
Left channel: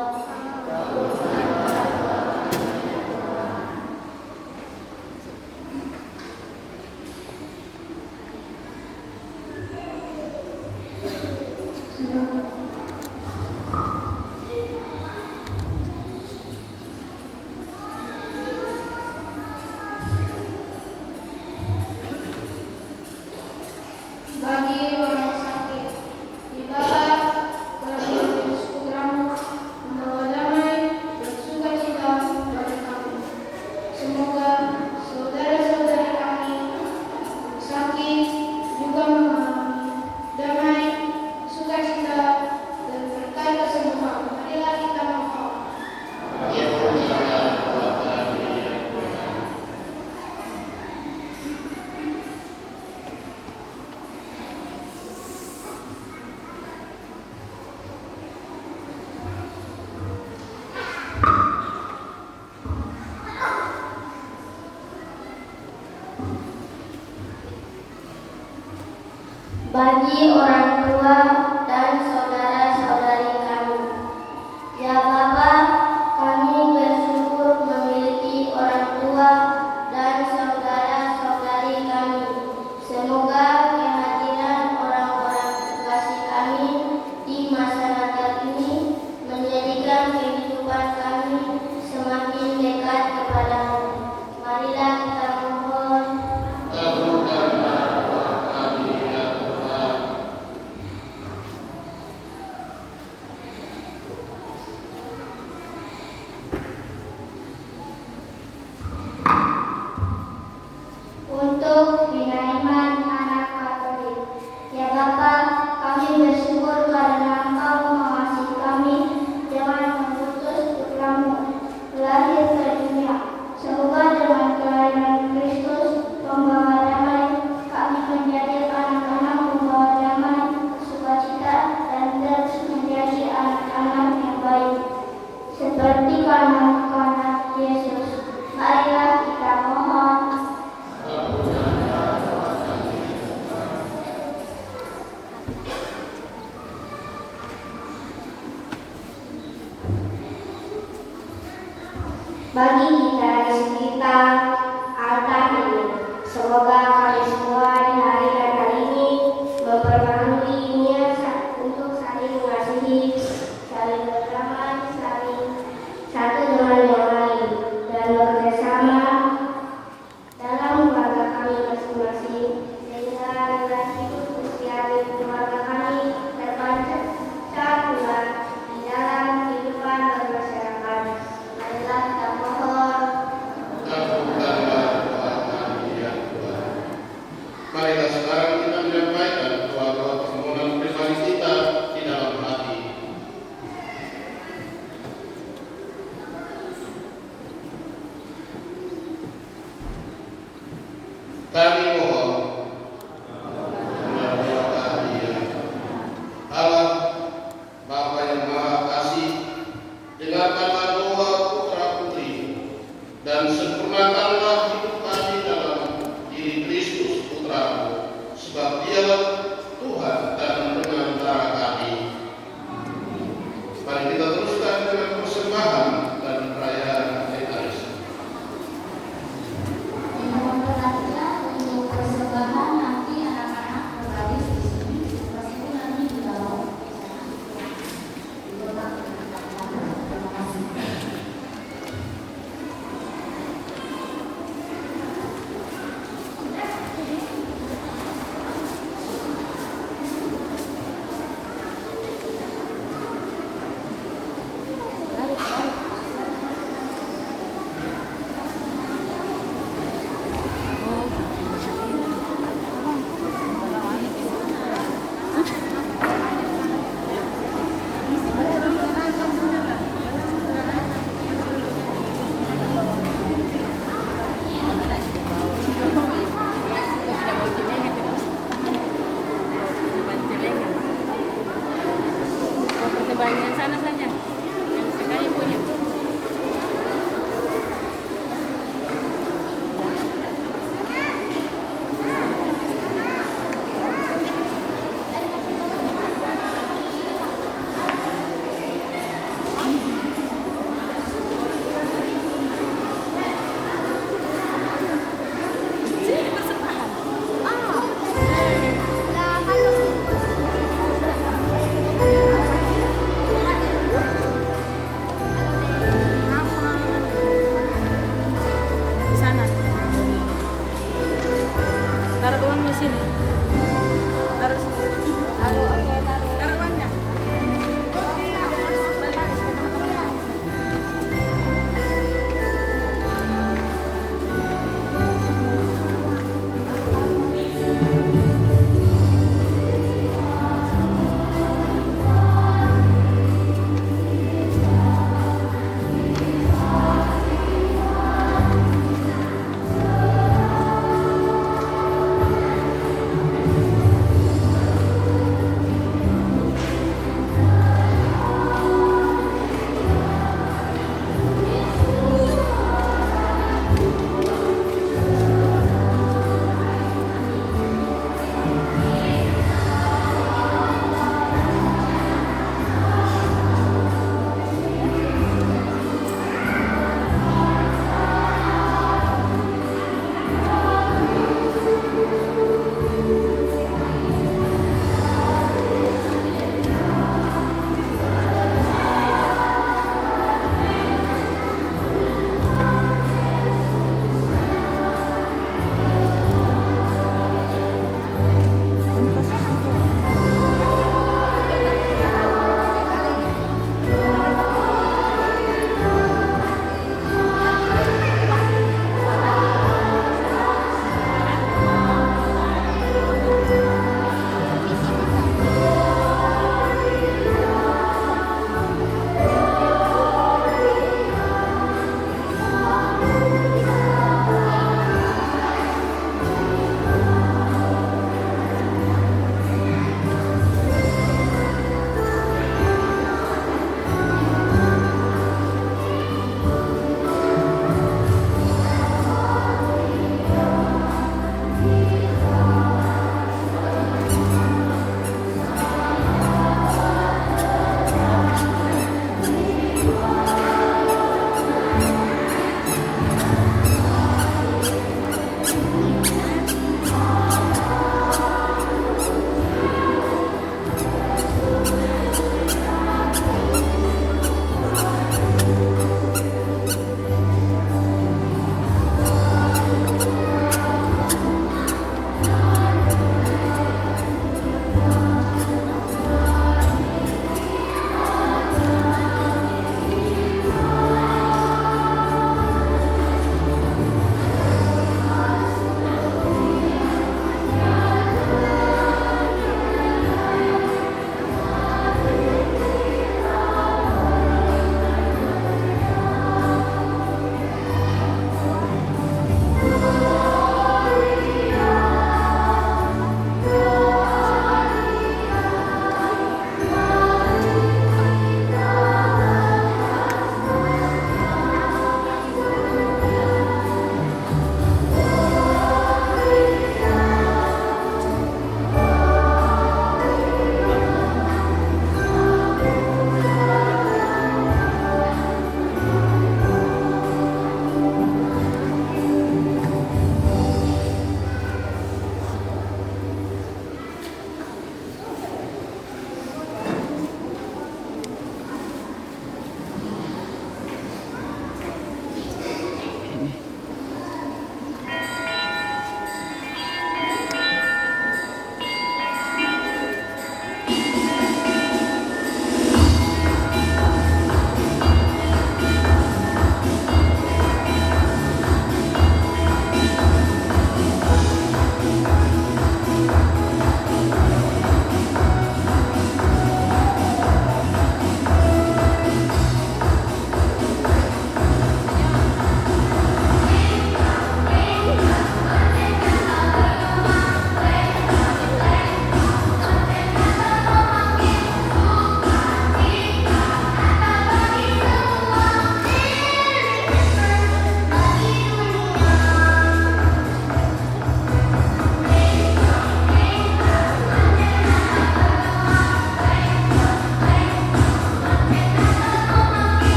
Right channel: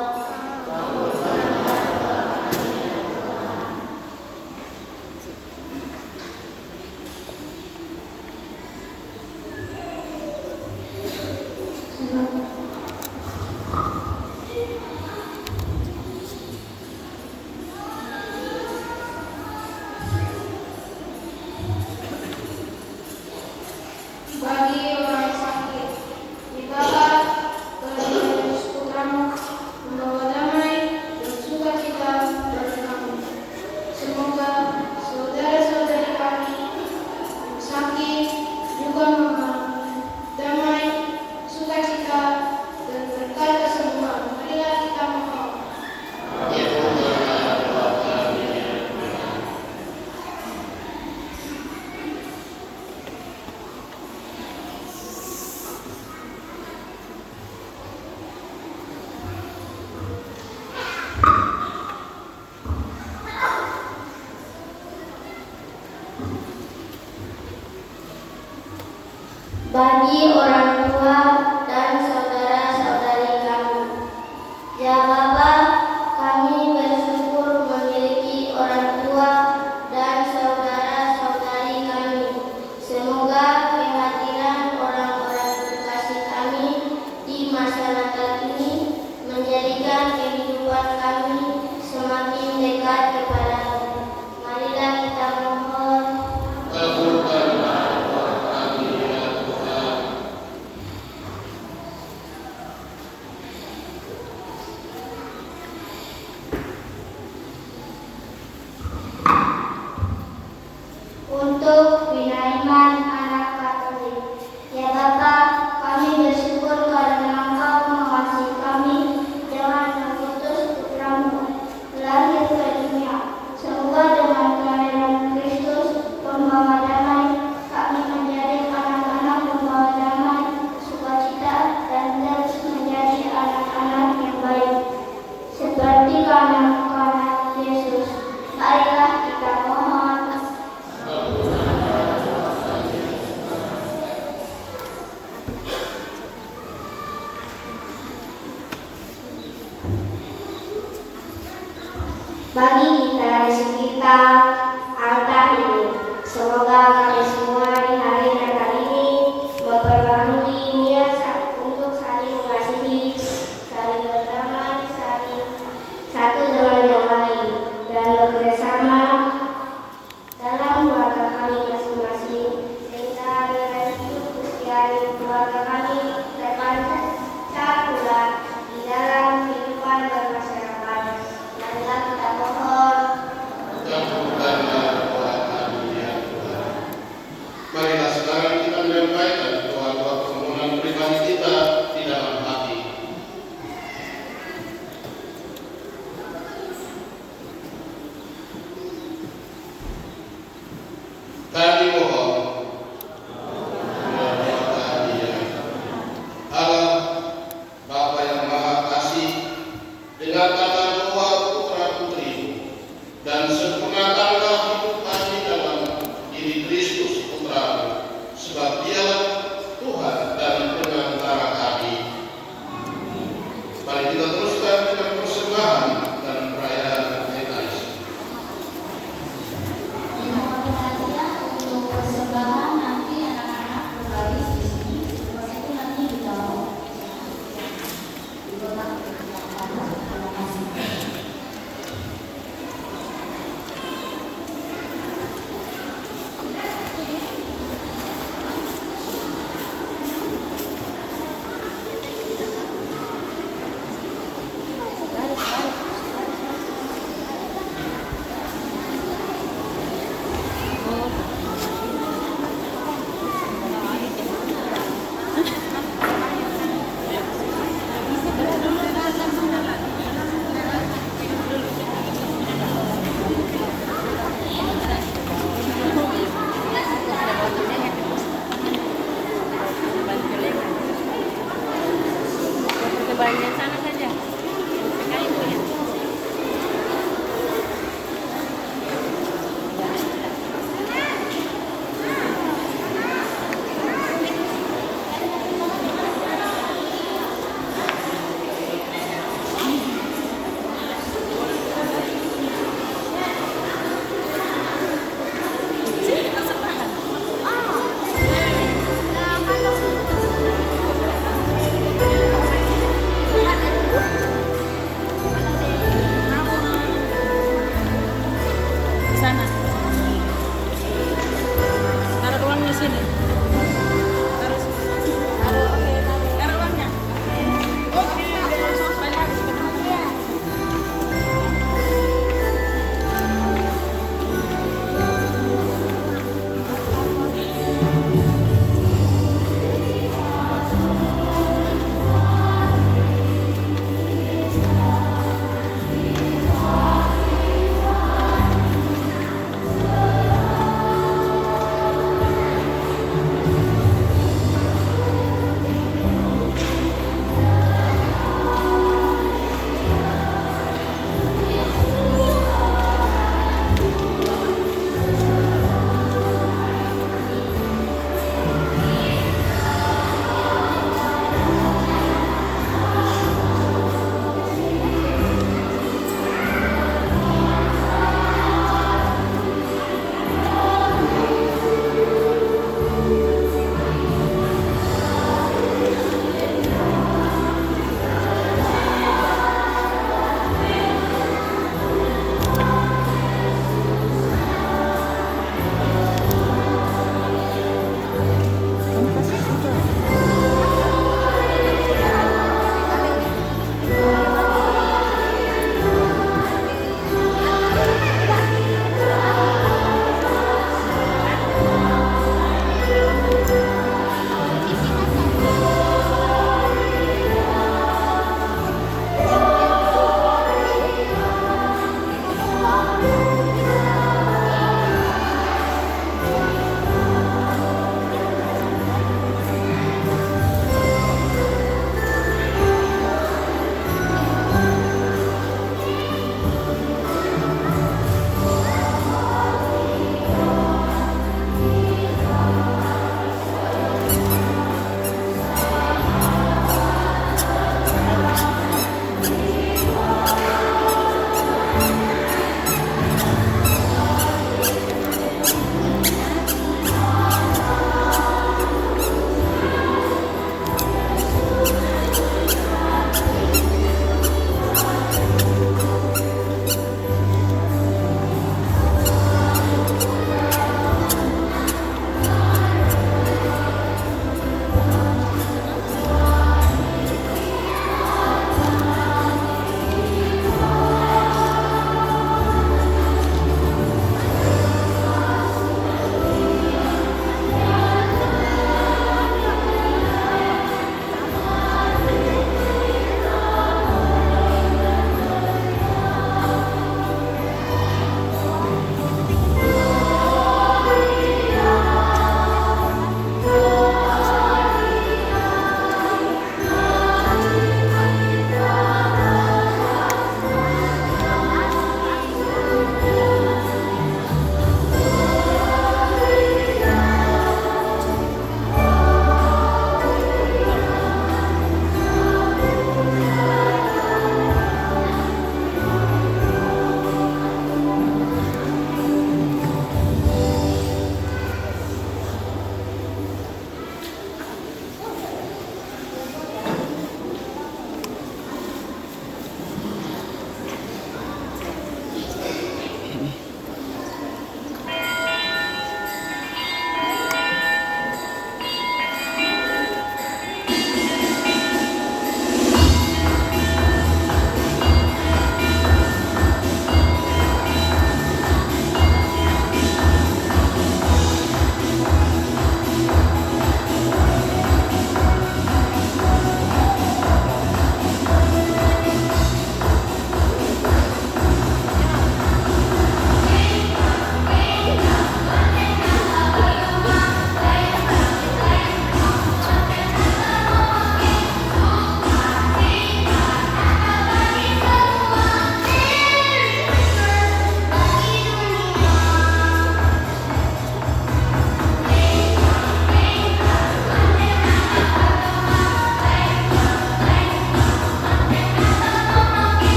Bagi orang sakit, dibawa ke Yesus Putramu, membawa damai dan sukacita bagi kami. Semoga saudara-saudari kami yang sakit juga mengalami damai, sukacita, dan berkat kesembuhan. Marilah kita mohon. Bagi orang tua dan saudara-saudari kami, ya Bapa, kami bersyukur memiliki orang tua dan saudara-saudari kami. Semoga kehadiran orang-orang terkasih kami di masyarakat ini menjadikan kehidupan kami semakin dekat kepada-Mu. Marilah kita mohon. Untuk binaiman anak Katolik, ya Bapa, kami bersyukur karena Engkau mengasihi kami dengan mengutus Putramu lahir ke dunia. Semoga dengan kelahiran Kristus pembawa damai, kami menjadi anak-anak pembawa damai, sukacita, dan terus menjadi anak-anak yang baik, seperti anak-anak Yesus. Marilah kita mohon. Bagi kita di sekitar altar ini, semoga kami semua di hari Natal ini memperbarui niat untuk saling mengasihi, saling berdamai, saling satu dengan yang lain, dan bekerjasama dalam keluarga kami masing-masing, sehingga dengan hidup usia keluarga kami dapat tercatat di dalam kehidupan bermasyarakat. Marilah kita mohon. Bapa yang Maha Kasih, dengarkanlah doa putra putri dan sempurnakanlah hidup kami dalam diri Kristus Putra-Mu, sebab Dialah Tuhan dan pengantara kami. Mari kita teruskan dengan persembahan dan perayaan Ekaristi. Mohon perhatian untuk persembahan nanti anak-anak berbaris di sini, seperti itu nanti di dalam.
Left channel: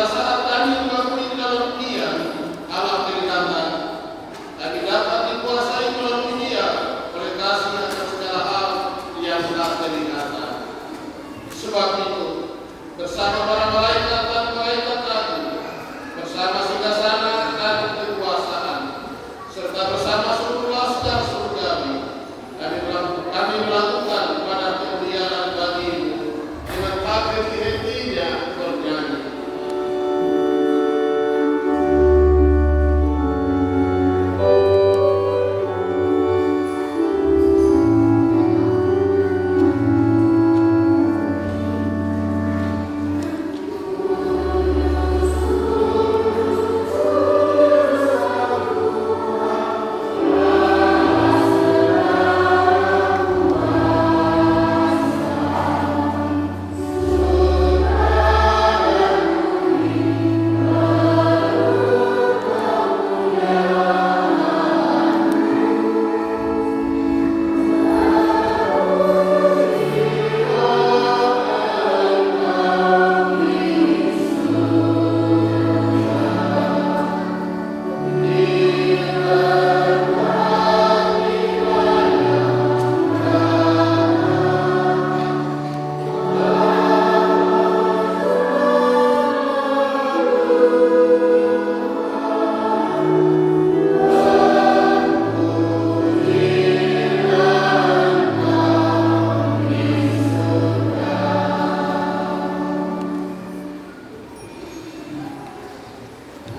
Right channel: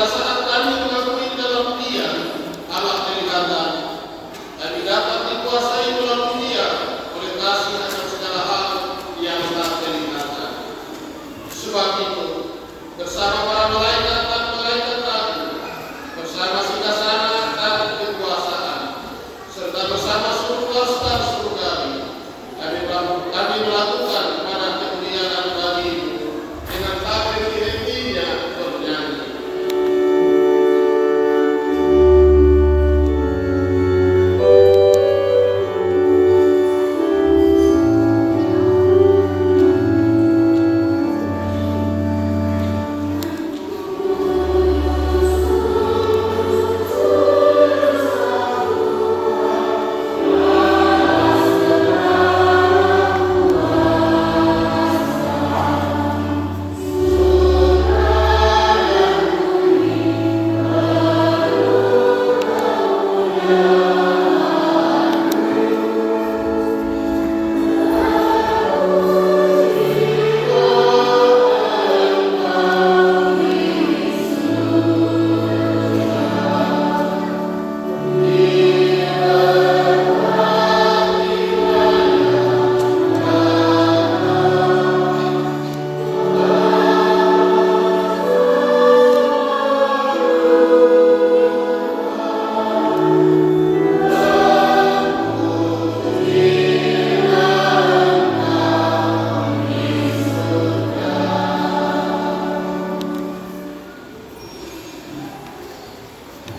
pada saat kami mengakui dalam Dia Allah kelihatan, kami dapat dikuasai melalui Dia oleh kasih atas segala hal yang telah kelihatan. Sebab itu, bersama para malaikat dan malaikat tadi, bersama singgasana dan kekuasaan, serta bersama seluruh pasukan surgawi, kami melakukan pada kemuliaan bagimu dengan hati-hatinya bernyanyi.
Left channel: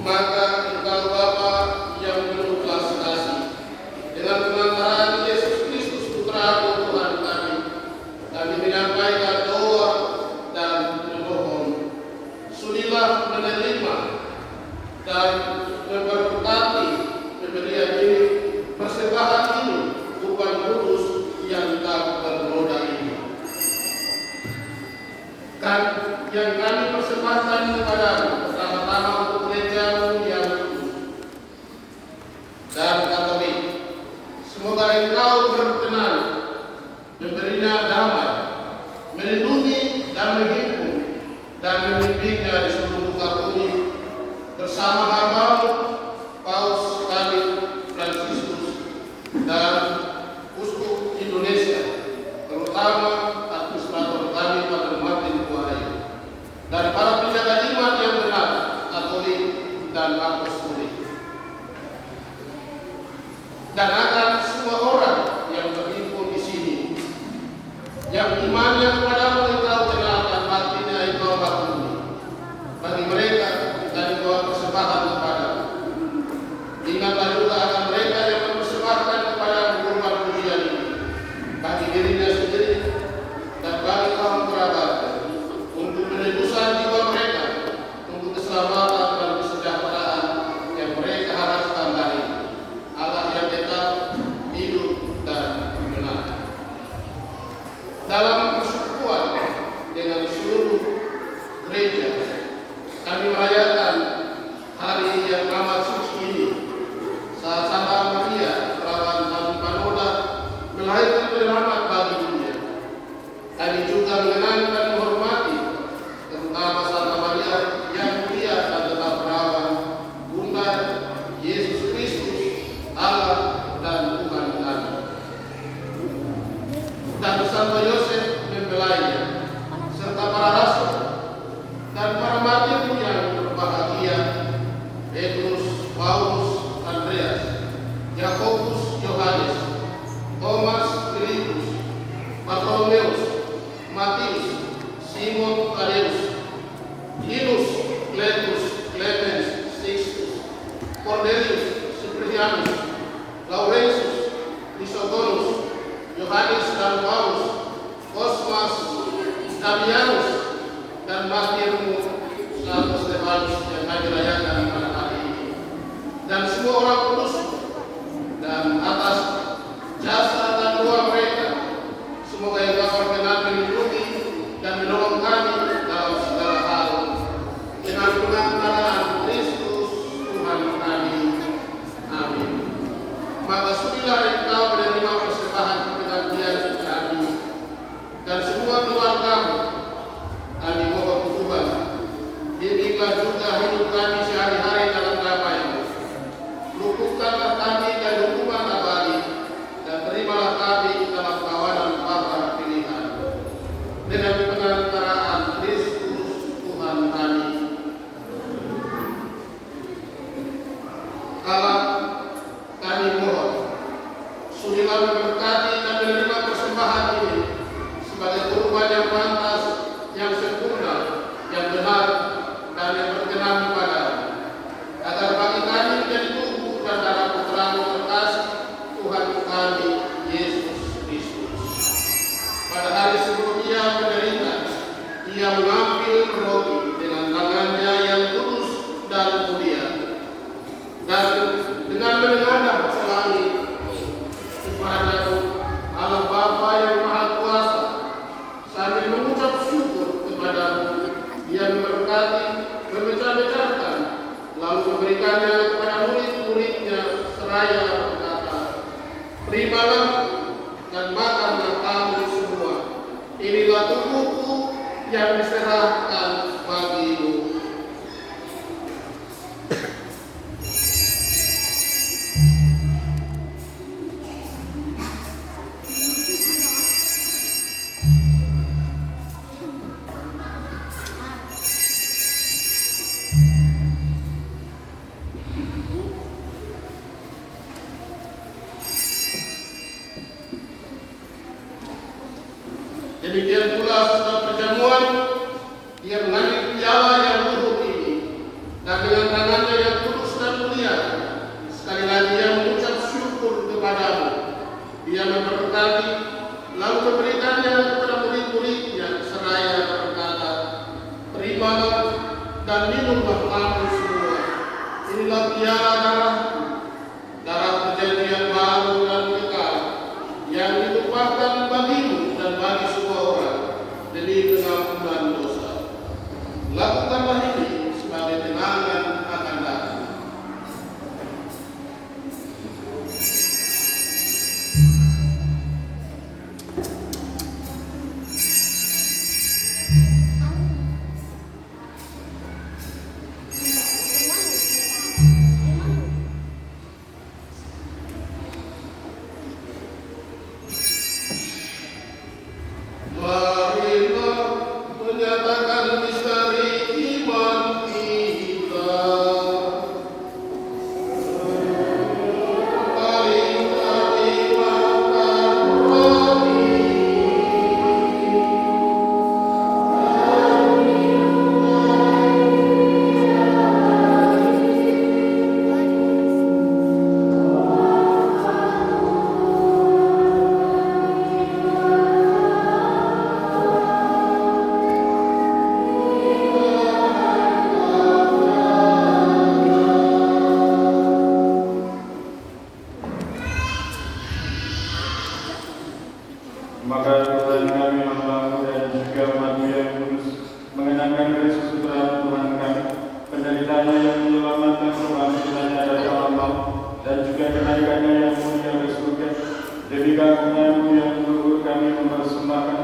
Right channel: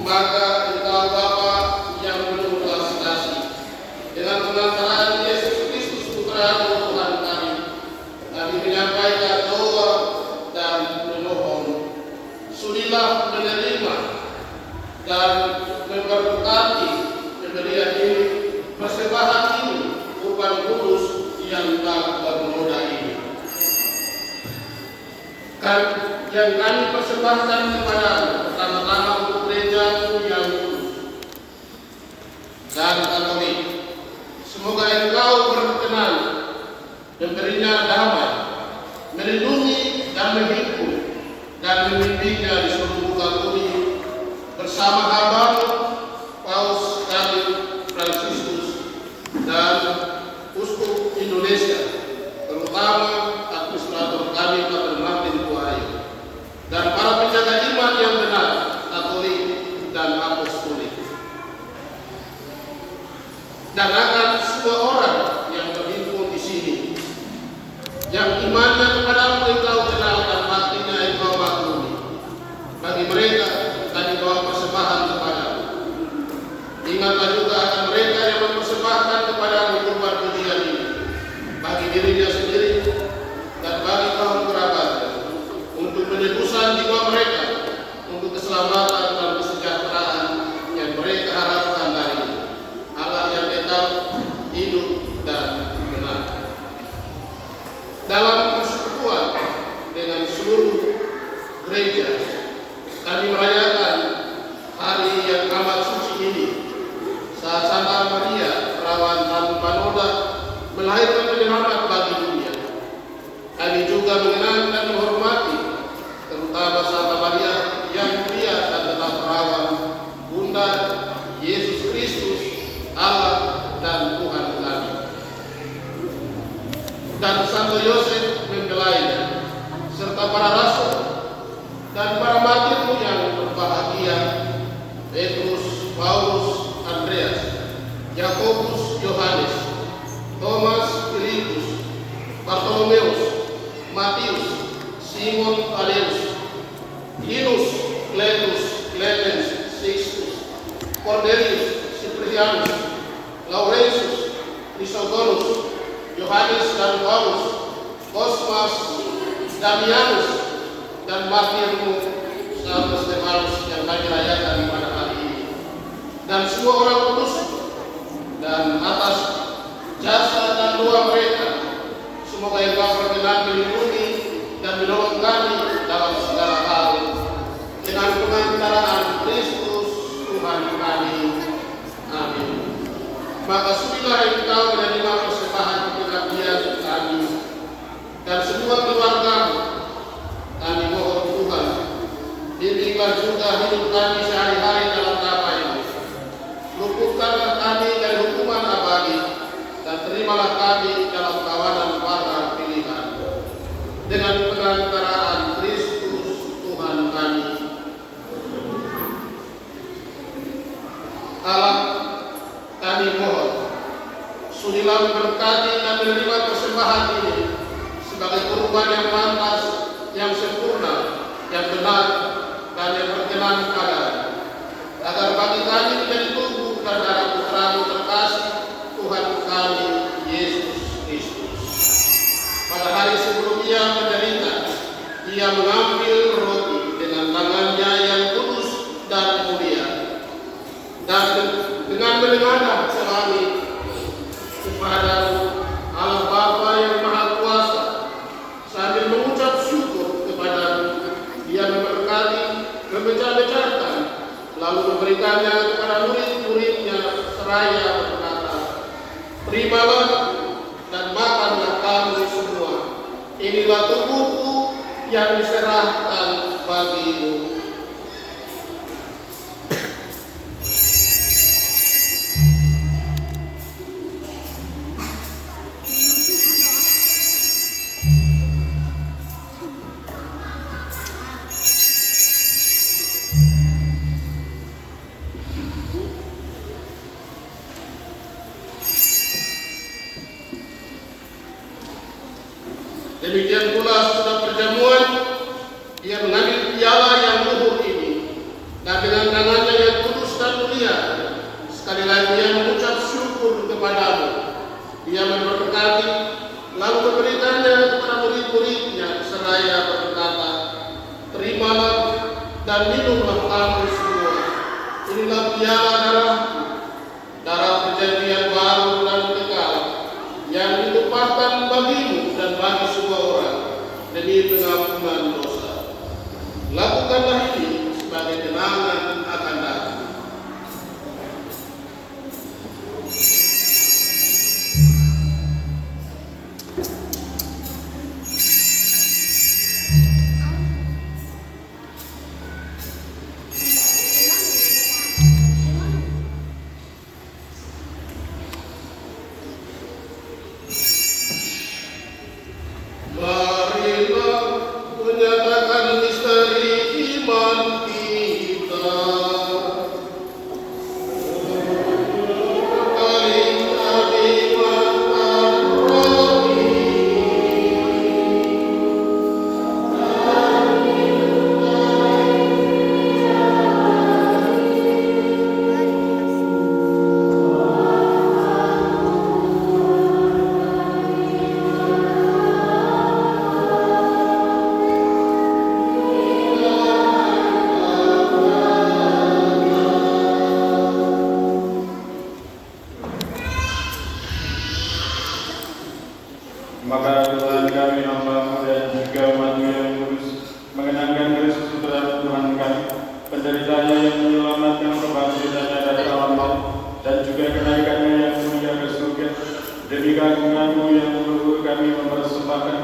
Maka engkau Bapa yang penuh belas kasih, dengan pengantaran Yesus Kristus Putra Tuhan kami menyampaikan doa dan memohon, sudilah menerima dan memberkati pemberian ini, persembahan ini, bukan kudus yang tak bernoda ini. Kan yang kami persembahkan kepadamu pertama-tama untuk gereja-Mu yang kudus dan katolik. Semoga Engkau berkenan memberinya damai, melindungi dan menghimpun dan memimpinnya di seluruh muka bumi bersama hamba-Mu Paus Kardinal Fransiskus dan Uskup Indonesia, terutama administrator kami Pak Martin Kuayi, dan para penjaga iman yang benar, Katolik dan Apostolik, dan akan semua orang yang berhimpun di sini, yang imannya kepadamu Engkau kenal dan hatinya Engkau maklumi. Bagi mereka kami bawa persembahan kepadamu. Ingatlah juga akan mereka yang mempersembahkan kepadamu kurban pujian ini, bagi dirinya sendiri dan bagi kaum kerabatnya, untuk penebusan jiwa mereka, untuk keselamatan dan kesejahteraan yang mereka harapkan dari Allah yang tetap hidup dan benar. Dalam persekutuan dengan seluruh gereja, kami merayakan hari yang amat suci ini, saat Santa Maria perawan tanpa noda melahirkan penyelamat bagi dunia. Kami juga mengenang dan menghormati terutama Santa Maria yang mulia dan tetap perawan, Bunda Yesus Kristus, Allah dan Tuhan kami. Dan Santo Yosef mempelainya, serta para rasul dan para martirmu yang berbahagia, Petrus, Paulus, Andreas, Yakobus, Yohanes, Thomas, Filipus, Bartolomeus, Matius, Simon, Tadeus, Hirus, Cletus, Clemens, Sixtus, Cornelius, Ciprianus, Laurentius, Chrysogonus, Yohanes dan Paulus, Cosmas, Damianus, dan martirmu Santo Stefanus yang kami rayakan pada hari ini, dan semua orang kudus, dan atas jasa dan doa mereka, semoga Engkau berkenan melindungi dan menolong kami dalam segala hal, dengan pengantaran Kristus Tuhan kami. Amin. Maka sudilah Engkau menerima persembahan pengabdian kami dan semua keluarga. Kami mohon Tuhan, bimbinglah juga hidup kami sehari-hari dalam damai. Luputkanlah kami dari hukuman abadi, dan terimalah kami dalam kawanan para pilihan. Dengan pengantaraan Kristus Tuhan kami. Allah, kami mohon, sudilah memberkati dan menerima persembahan ini sebagai kurban yang pantas, yang sempurna, yang benar, dan yang berkenan kepada-Mu, agar kami menjadi tubuh dan darah Putra-Mu terkasih, Tuhan kami Yesus Kristus. Pada hari sebelum Ia menderita, Ia mengambil roti dengan tangannya yang kudus dan mulia, dan dengan menengadah selalu kepada-Mu, Allah Bapa yang Maha Kuasa, sambil mengucap syukur kepada-Mu, Dia memberkati, memecah-mecahkan, lalu memberikannya kepada murid-muridnya seraya berkata, "Terimalah dan makanlah kamu semua. Inilah tubuhku yang diserahkan bagimu." Demikian pula sesudah perjamuan, Dia mengambil piala yang luhur ini, dan dengan tangannya yang kudus dan mulia, sekali lagi Dia mengucap syukur kepada-Mu. Dia memberkati, lalu memberikannya kepada murid-muridnya seraya berkata, "Terimalah dan minumlah kamu semua. Inilah piala darah-Ku, darah perjanjian baru dan kekal, yang ditumpahkan bagimu dan bagi semua orang demi pengampunan dosa. Lakukanlah ini sebagai kenangan akan Aku." Marilah menyatakan misteri iman kita. Maka Tuhan kami Allah dan juga Bapa yang kudus mengenangkan Kristus Putra Tuhan kami, penderitaannya yang menyelamatkan kebangkitannya dari alam maut, dan juga kenaikannya yang mulia ke surga. Demi karunia-Mu yang luhur kami mempersembahkan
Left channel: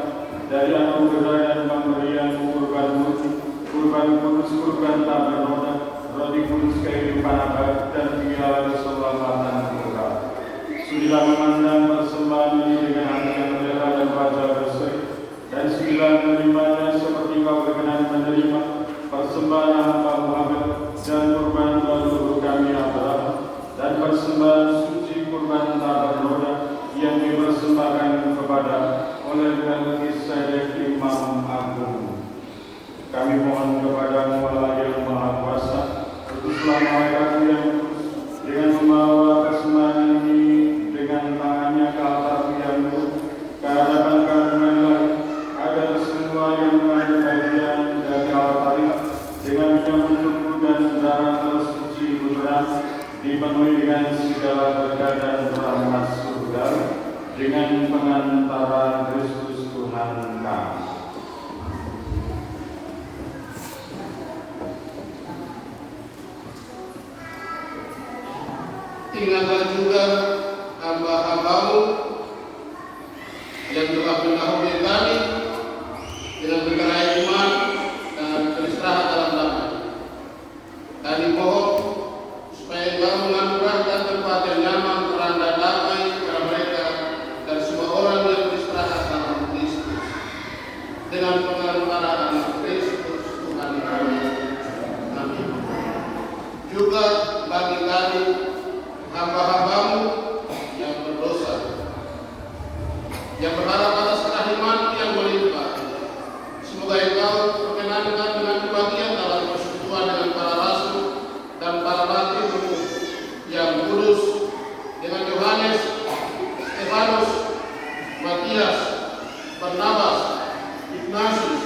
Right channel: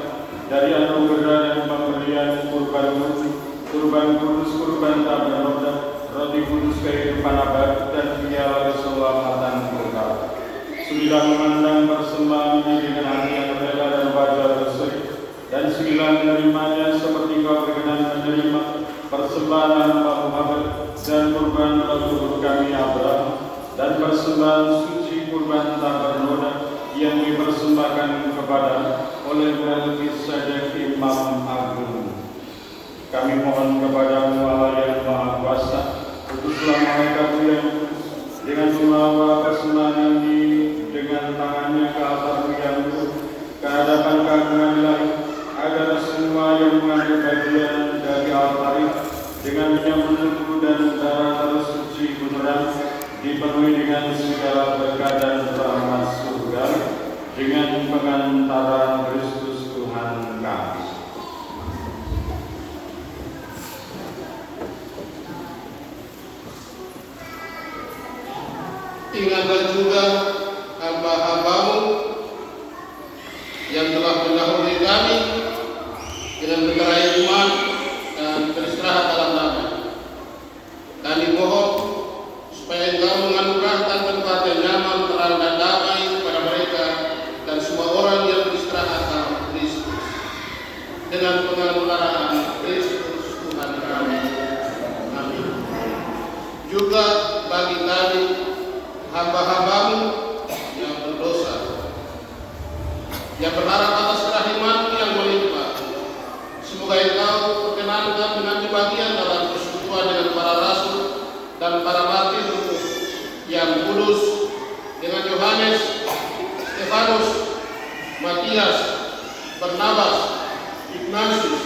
dari anugerah dan pemberian kurban-Mu, kurban kudus, kurban tak bernoda, roti kudus kehidupan abadi, dan piala keselamatan kekal. Sudilah memandang persembahan ini dengan hati yang rela dan wajah berseri, dan sudilah menerimanya seperti Kau berkenan menerima persembahan hamba Muhammad dan kurban leluhur kami Abraham, dan persembahan suci kurban tak bernoda yang dipersembahkan kepada oleh Melkisedek Imam Agung. Kami mohon kepada-Mu Allah yang Maha Kuasa, utuslah malakat-Mu yang kudus dengan membawa persembahan ini dengan tangannya ke altar yang luhur, ke hadapan keagungan ilahi, agar semua yang mengambil bagian dari altar ini dengan menyambut tubuh dan darah suci beneran dipenuhi dengan segala berkat dan rahmat surga dengan pengantaran Kristus Tuhan kami. Ingatlah juga hamba-hamba-Mu yang telah mendahului kami dengan perkara iman dan beristirahat dalam damai. Kami mohon supaya Engkau menganugerahkan tempat yang nyaman, terang dan damai kepada mereka dan semua orang yang beristirahat dalam Kristus. Dengan pengarang Kristus Tuhan kami. Amin. Juga bagi kami hamba-hambamu yang berdosa, yang berharap atas kerahiman yang melimpah, semoga Engkau perkenankan mengambil bagian dalam persekutuan dengan para rasul dan para martir yang kudus, dengan Yohanes, Stefanus, Matias, Barnabas, Ignatius,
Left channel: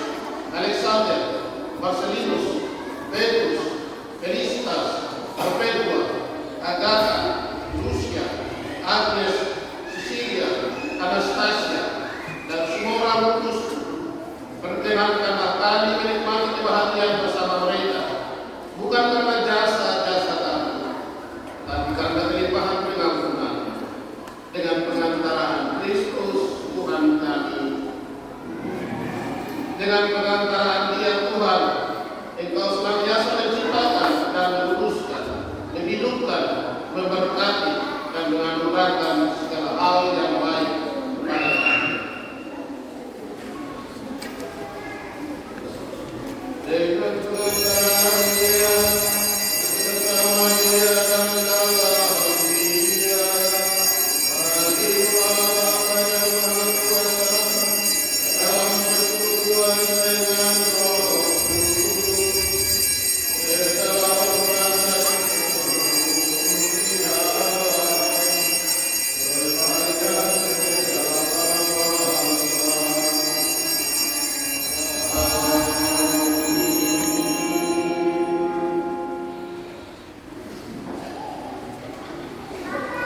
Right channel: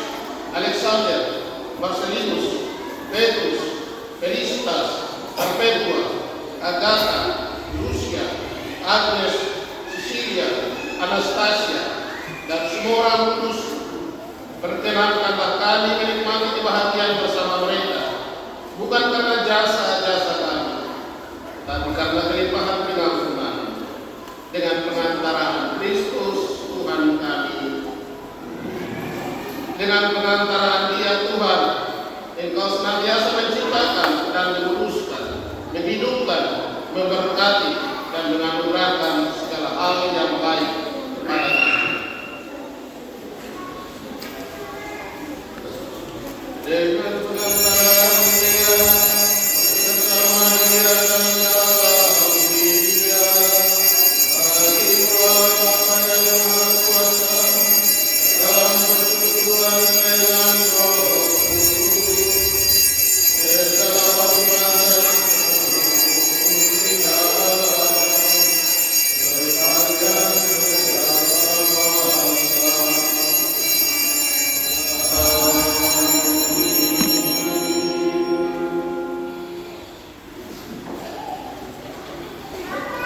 Alexander, Marcelinus, Petrus, Felicitas, Perpetua, Agatha, Lucia, Agnes, Cecilia, Anastasia, dan semua orang kudus. Perkenankanlah kami menikmati kebahagiaan bersama mereka, bukan karena jasa-jasa kami, tapi karena kelimpahan pengampunan dengan pengantaraan Kristus Tuhan kami. Dengan pengantaraan Dia Tuhan, Engkau senantiasa menciptakan dan meluruskan, menghidupkan, memberkati, dan menganugerahkan segala hal yang baik kepada kami. Dengan pengantaraan Dia, bersama Dia dan dalam Dia, bagi Bapa yang Maha Kuasa, dalam persekutuan dengan Roh Kudus, segala hormat dan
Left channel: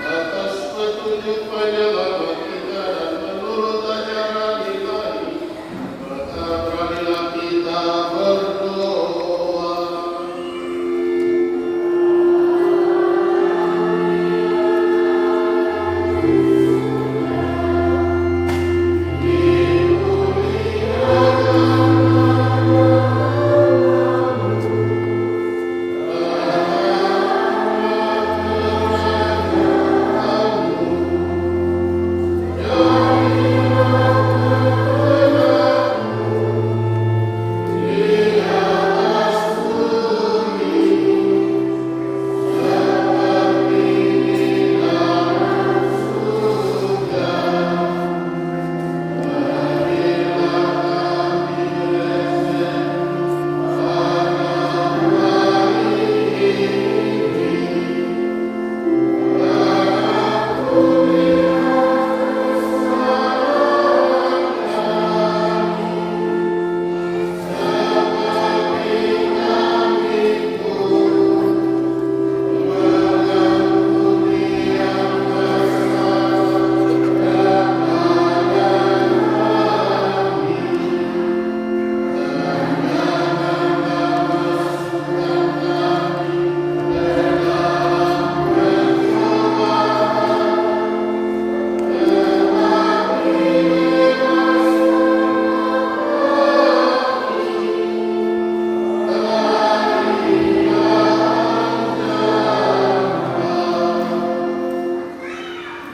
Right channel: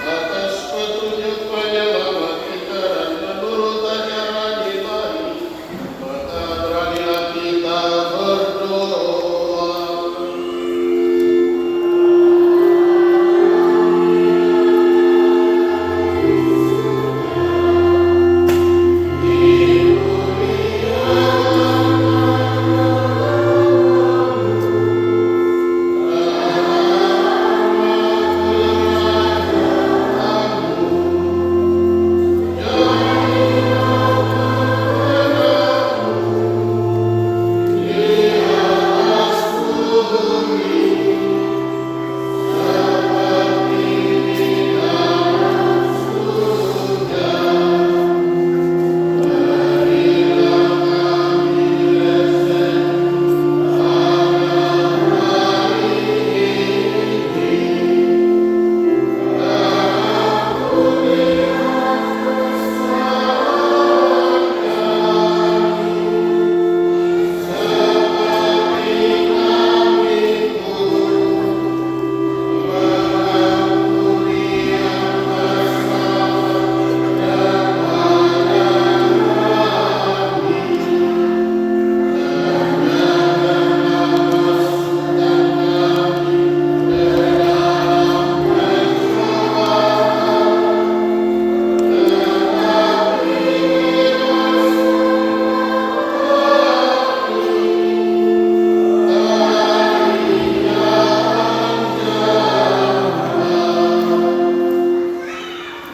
atas petunjuk penyelamat kita dan menurut ajaran ilahi, maka beranilah kita berdoa.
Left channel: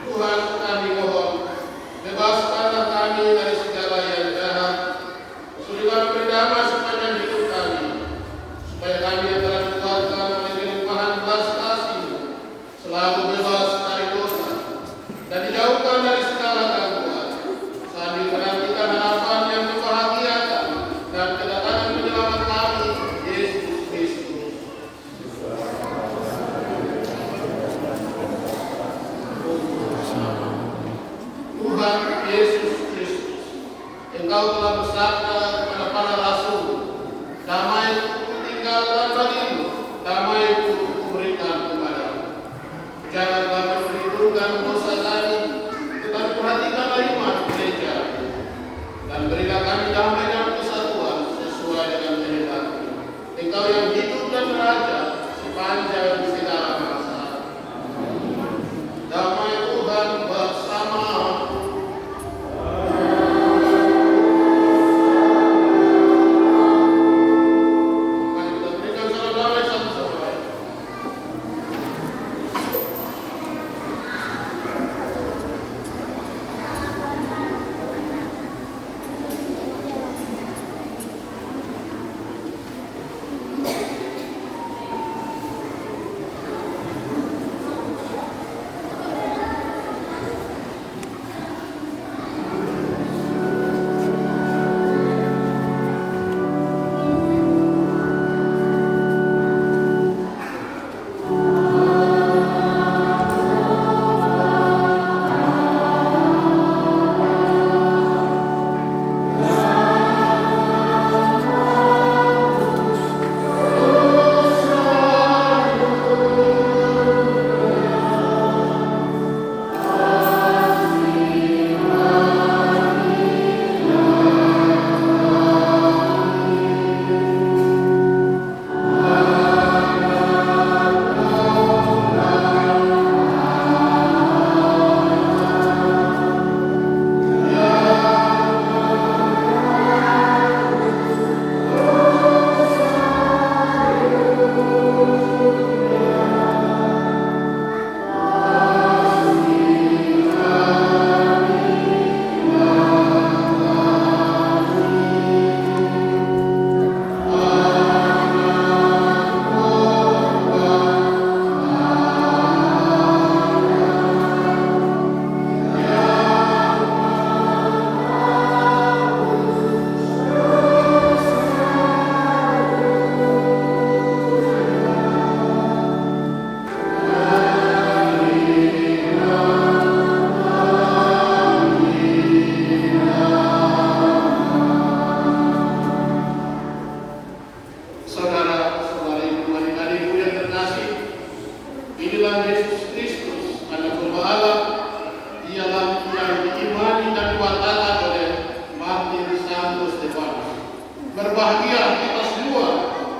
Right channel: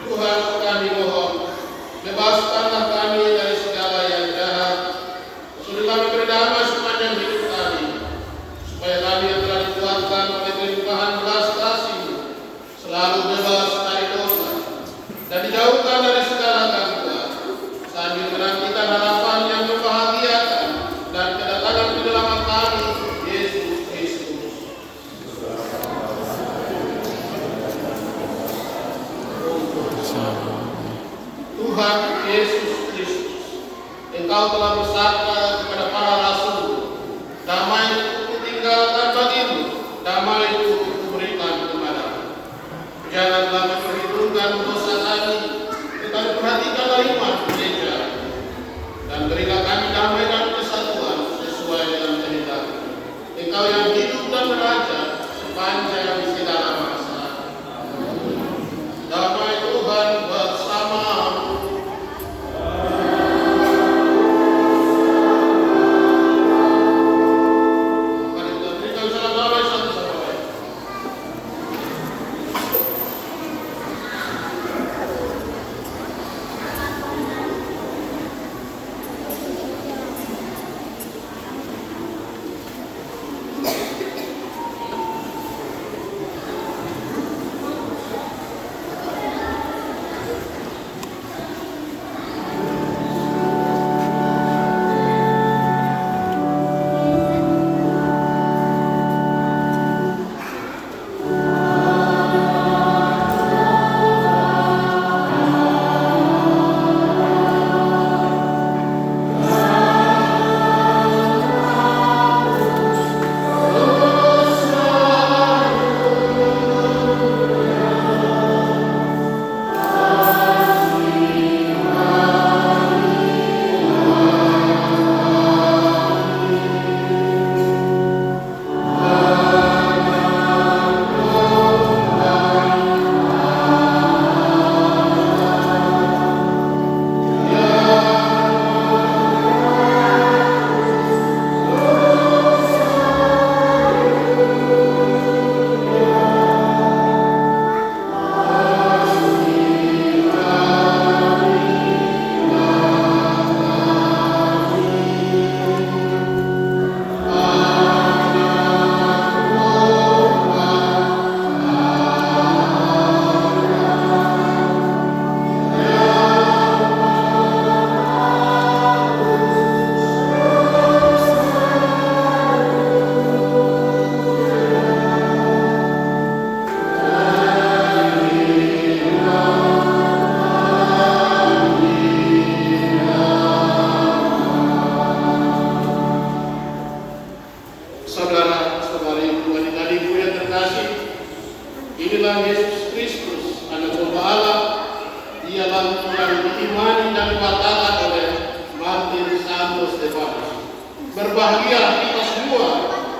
Tuhan, kami mohon, bebaskanlah kami dari segala yang jahat, sudahlah berdamai sepanjang hidup kami, supaya kami yang telah dikuatkan oleh kelimpahan belas kasih selalu bebas dari dosa dan dijauhkan dari segala gangguan, sambil menantikan harapan yang membahagiakan dan kedatangan penyelamat kami, Yesus Kristus. Tuhan Yesus Kristus, Engkau telah bersabda kepada para rasul, damai kutinggalkan bagimu, damai kuberikan kepadamu. Janganlah memperhitungkan dosa kami, tetapi perhatikanlah iman gereja, dan berikan kami damai dan kesatuan sesuai dengan kehendak-Mu. Engkau yang hidup dan beraja sepanjang segala masa. Damai Tuhan bersamamu. Mari kita berikan salam damai satu sama lain. Inilah Yesus Kristus, Anak Domba Allah. Dialah yang diimani dan dikatakan oleh Martin Santo Stefanus. Berbahagia kita semua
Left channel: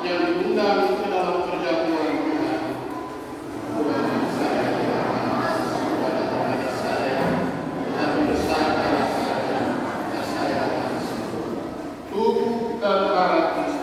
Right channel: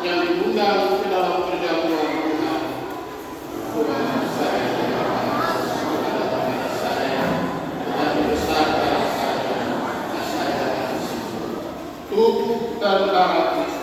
yang diundang ke dalam perjamuan Tuhan. Tuhan saya kepada saya dan membesarkan saya tubuh dan darah Kristus.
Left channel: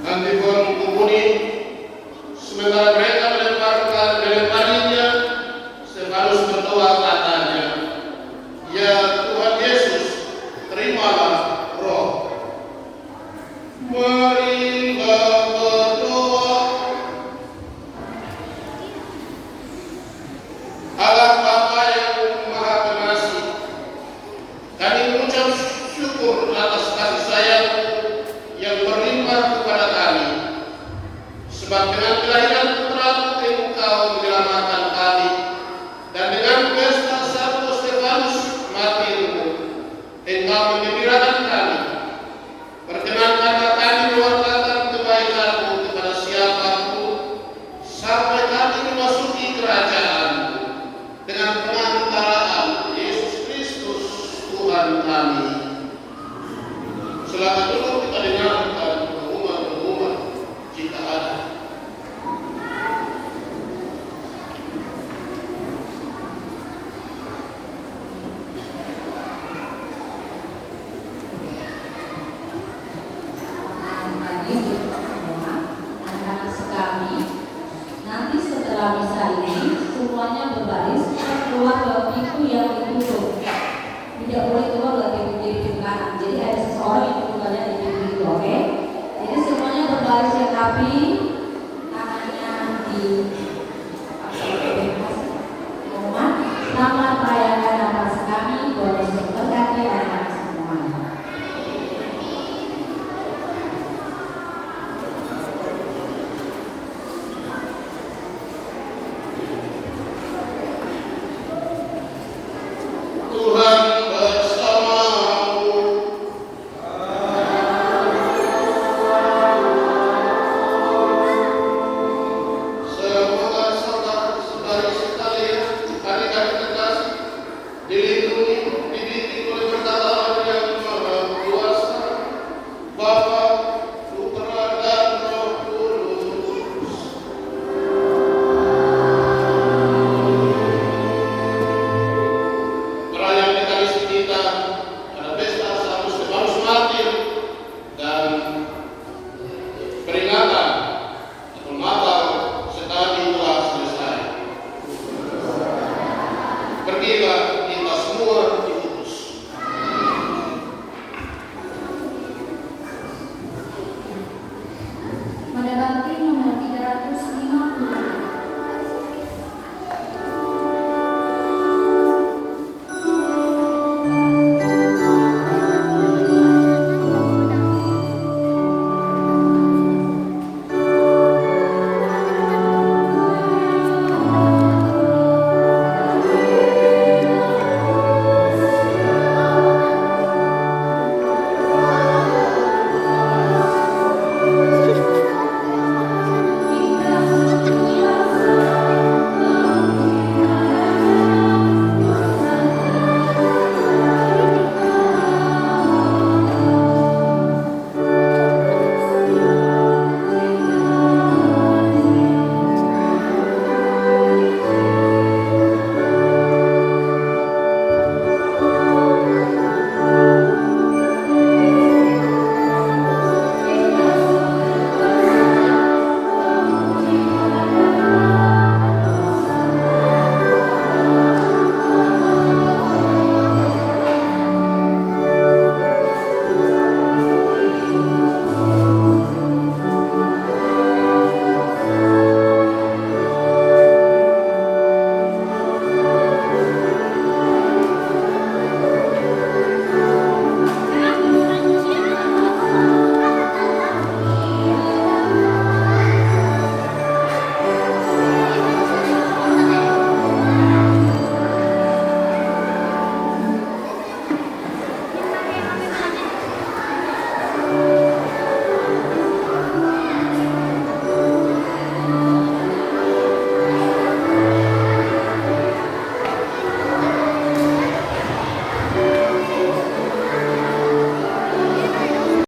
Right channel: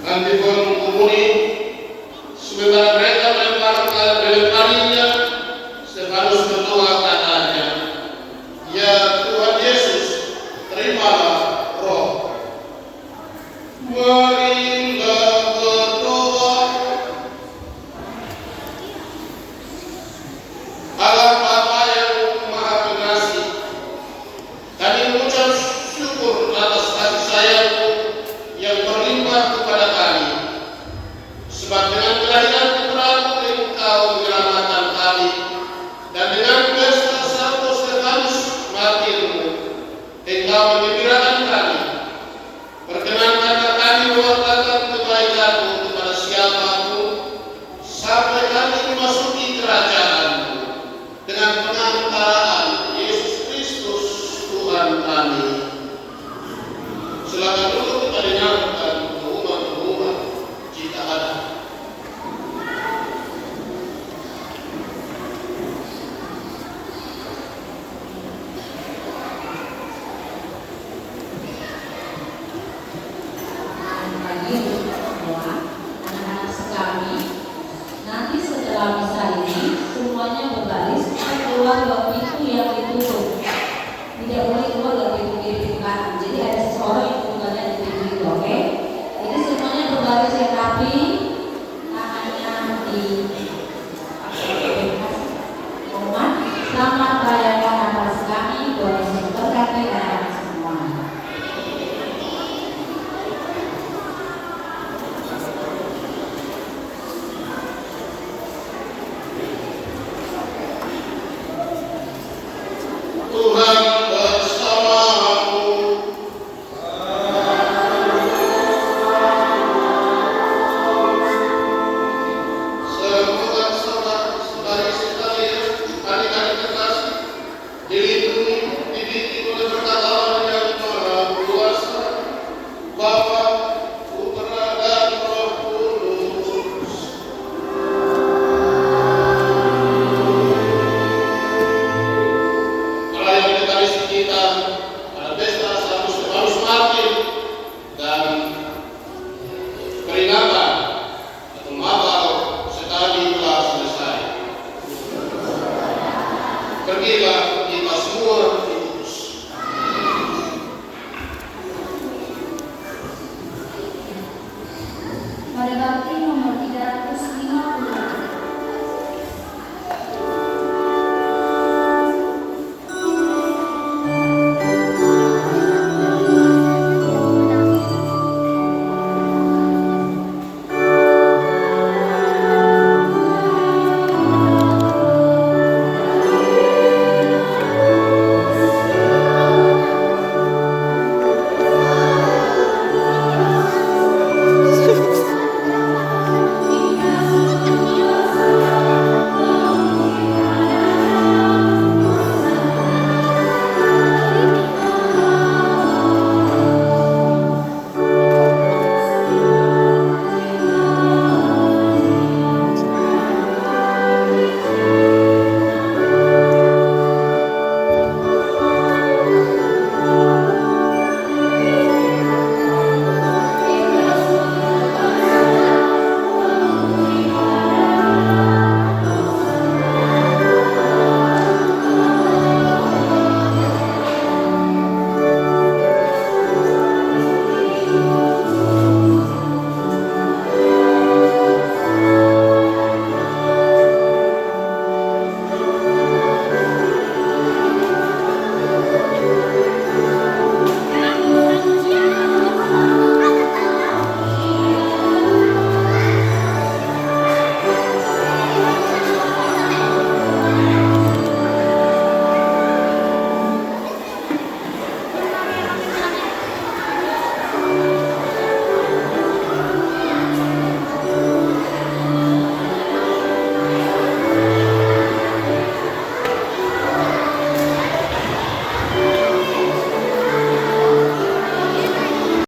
Nanti pun menghubungi sementara mereka melemparinya, Stefanus berdoa katanya, "Ya Tuhan Yesus, terimalah roh." Marilah berdoa. Allah Bapa yang Maha Pengasih, kami mengucap syukur atas kasih sayang-Mu yang berlimpah kepada kami. Sebab dengan kelahiran Putra-Mu Engkau menyelamatkan kami, dan dengan pesta Santo Stefanus martirmu Engkau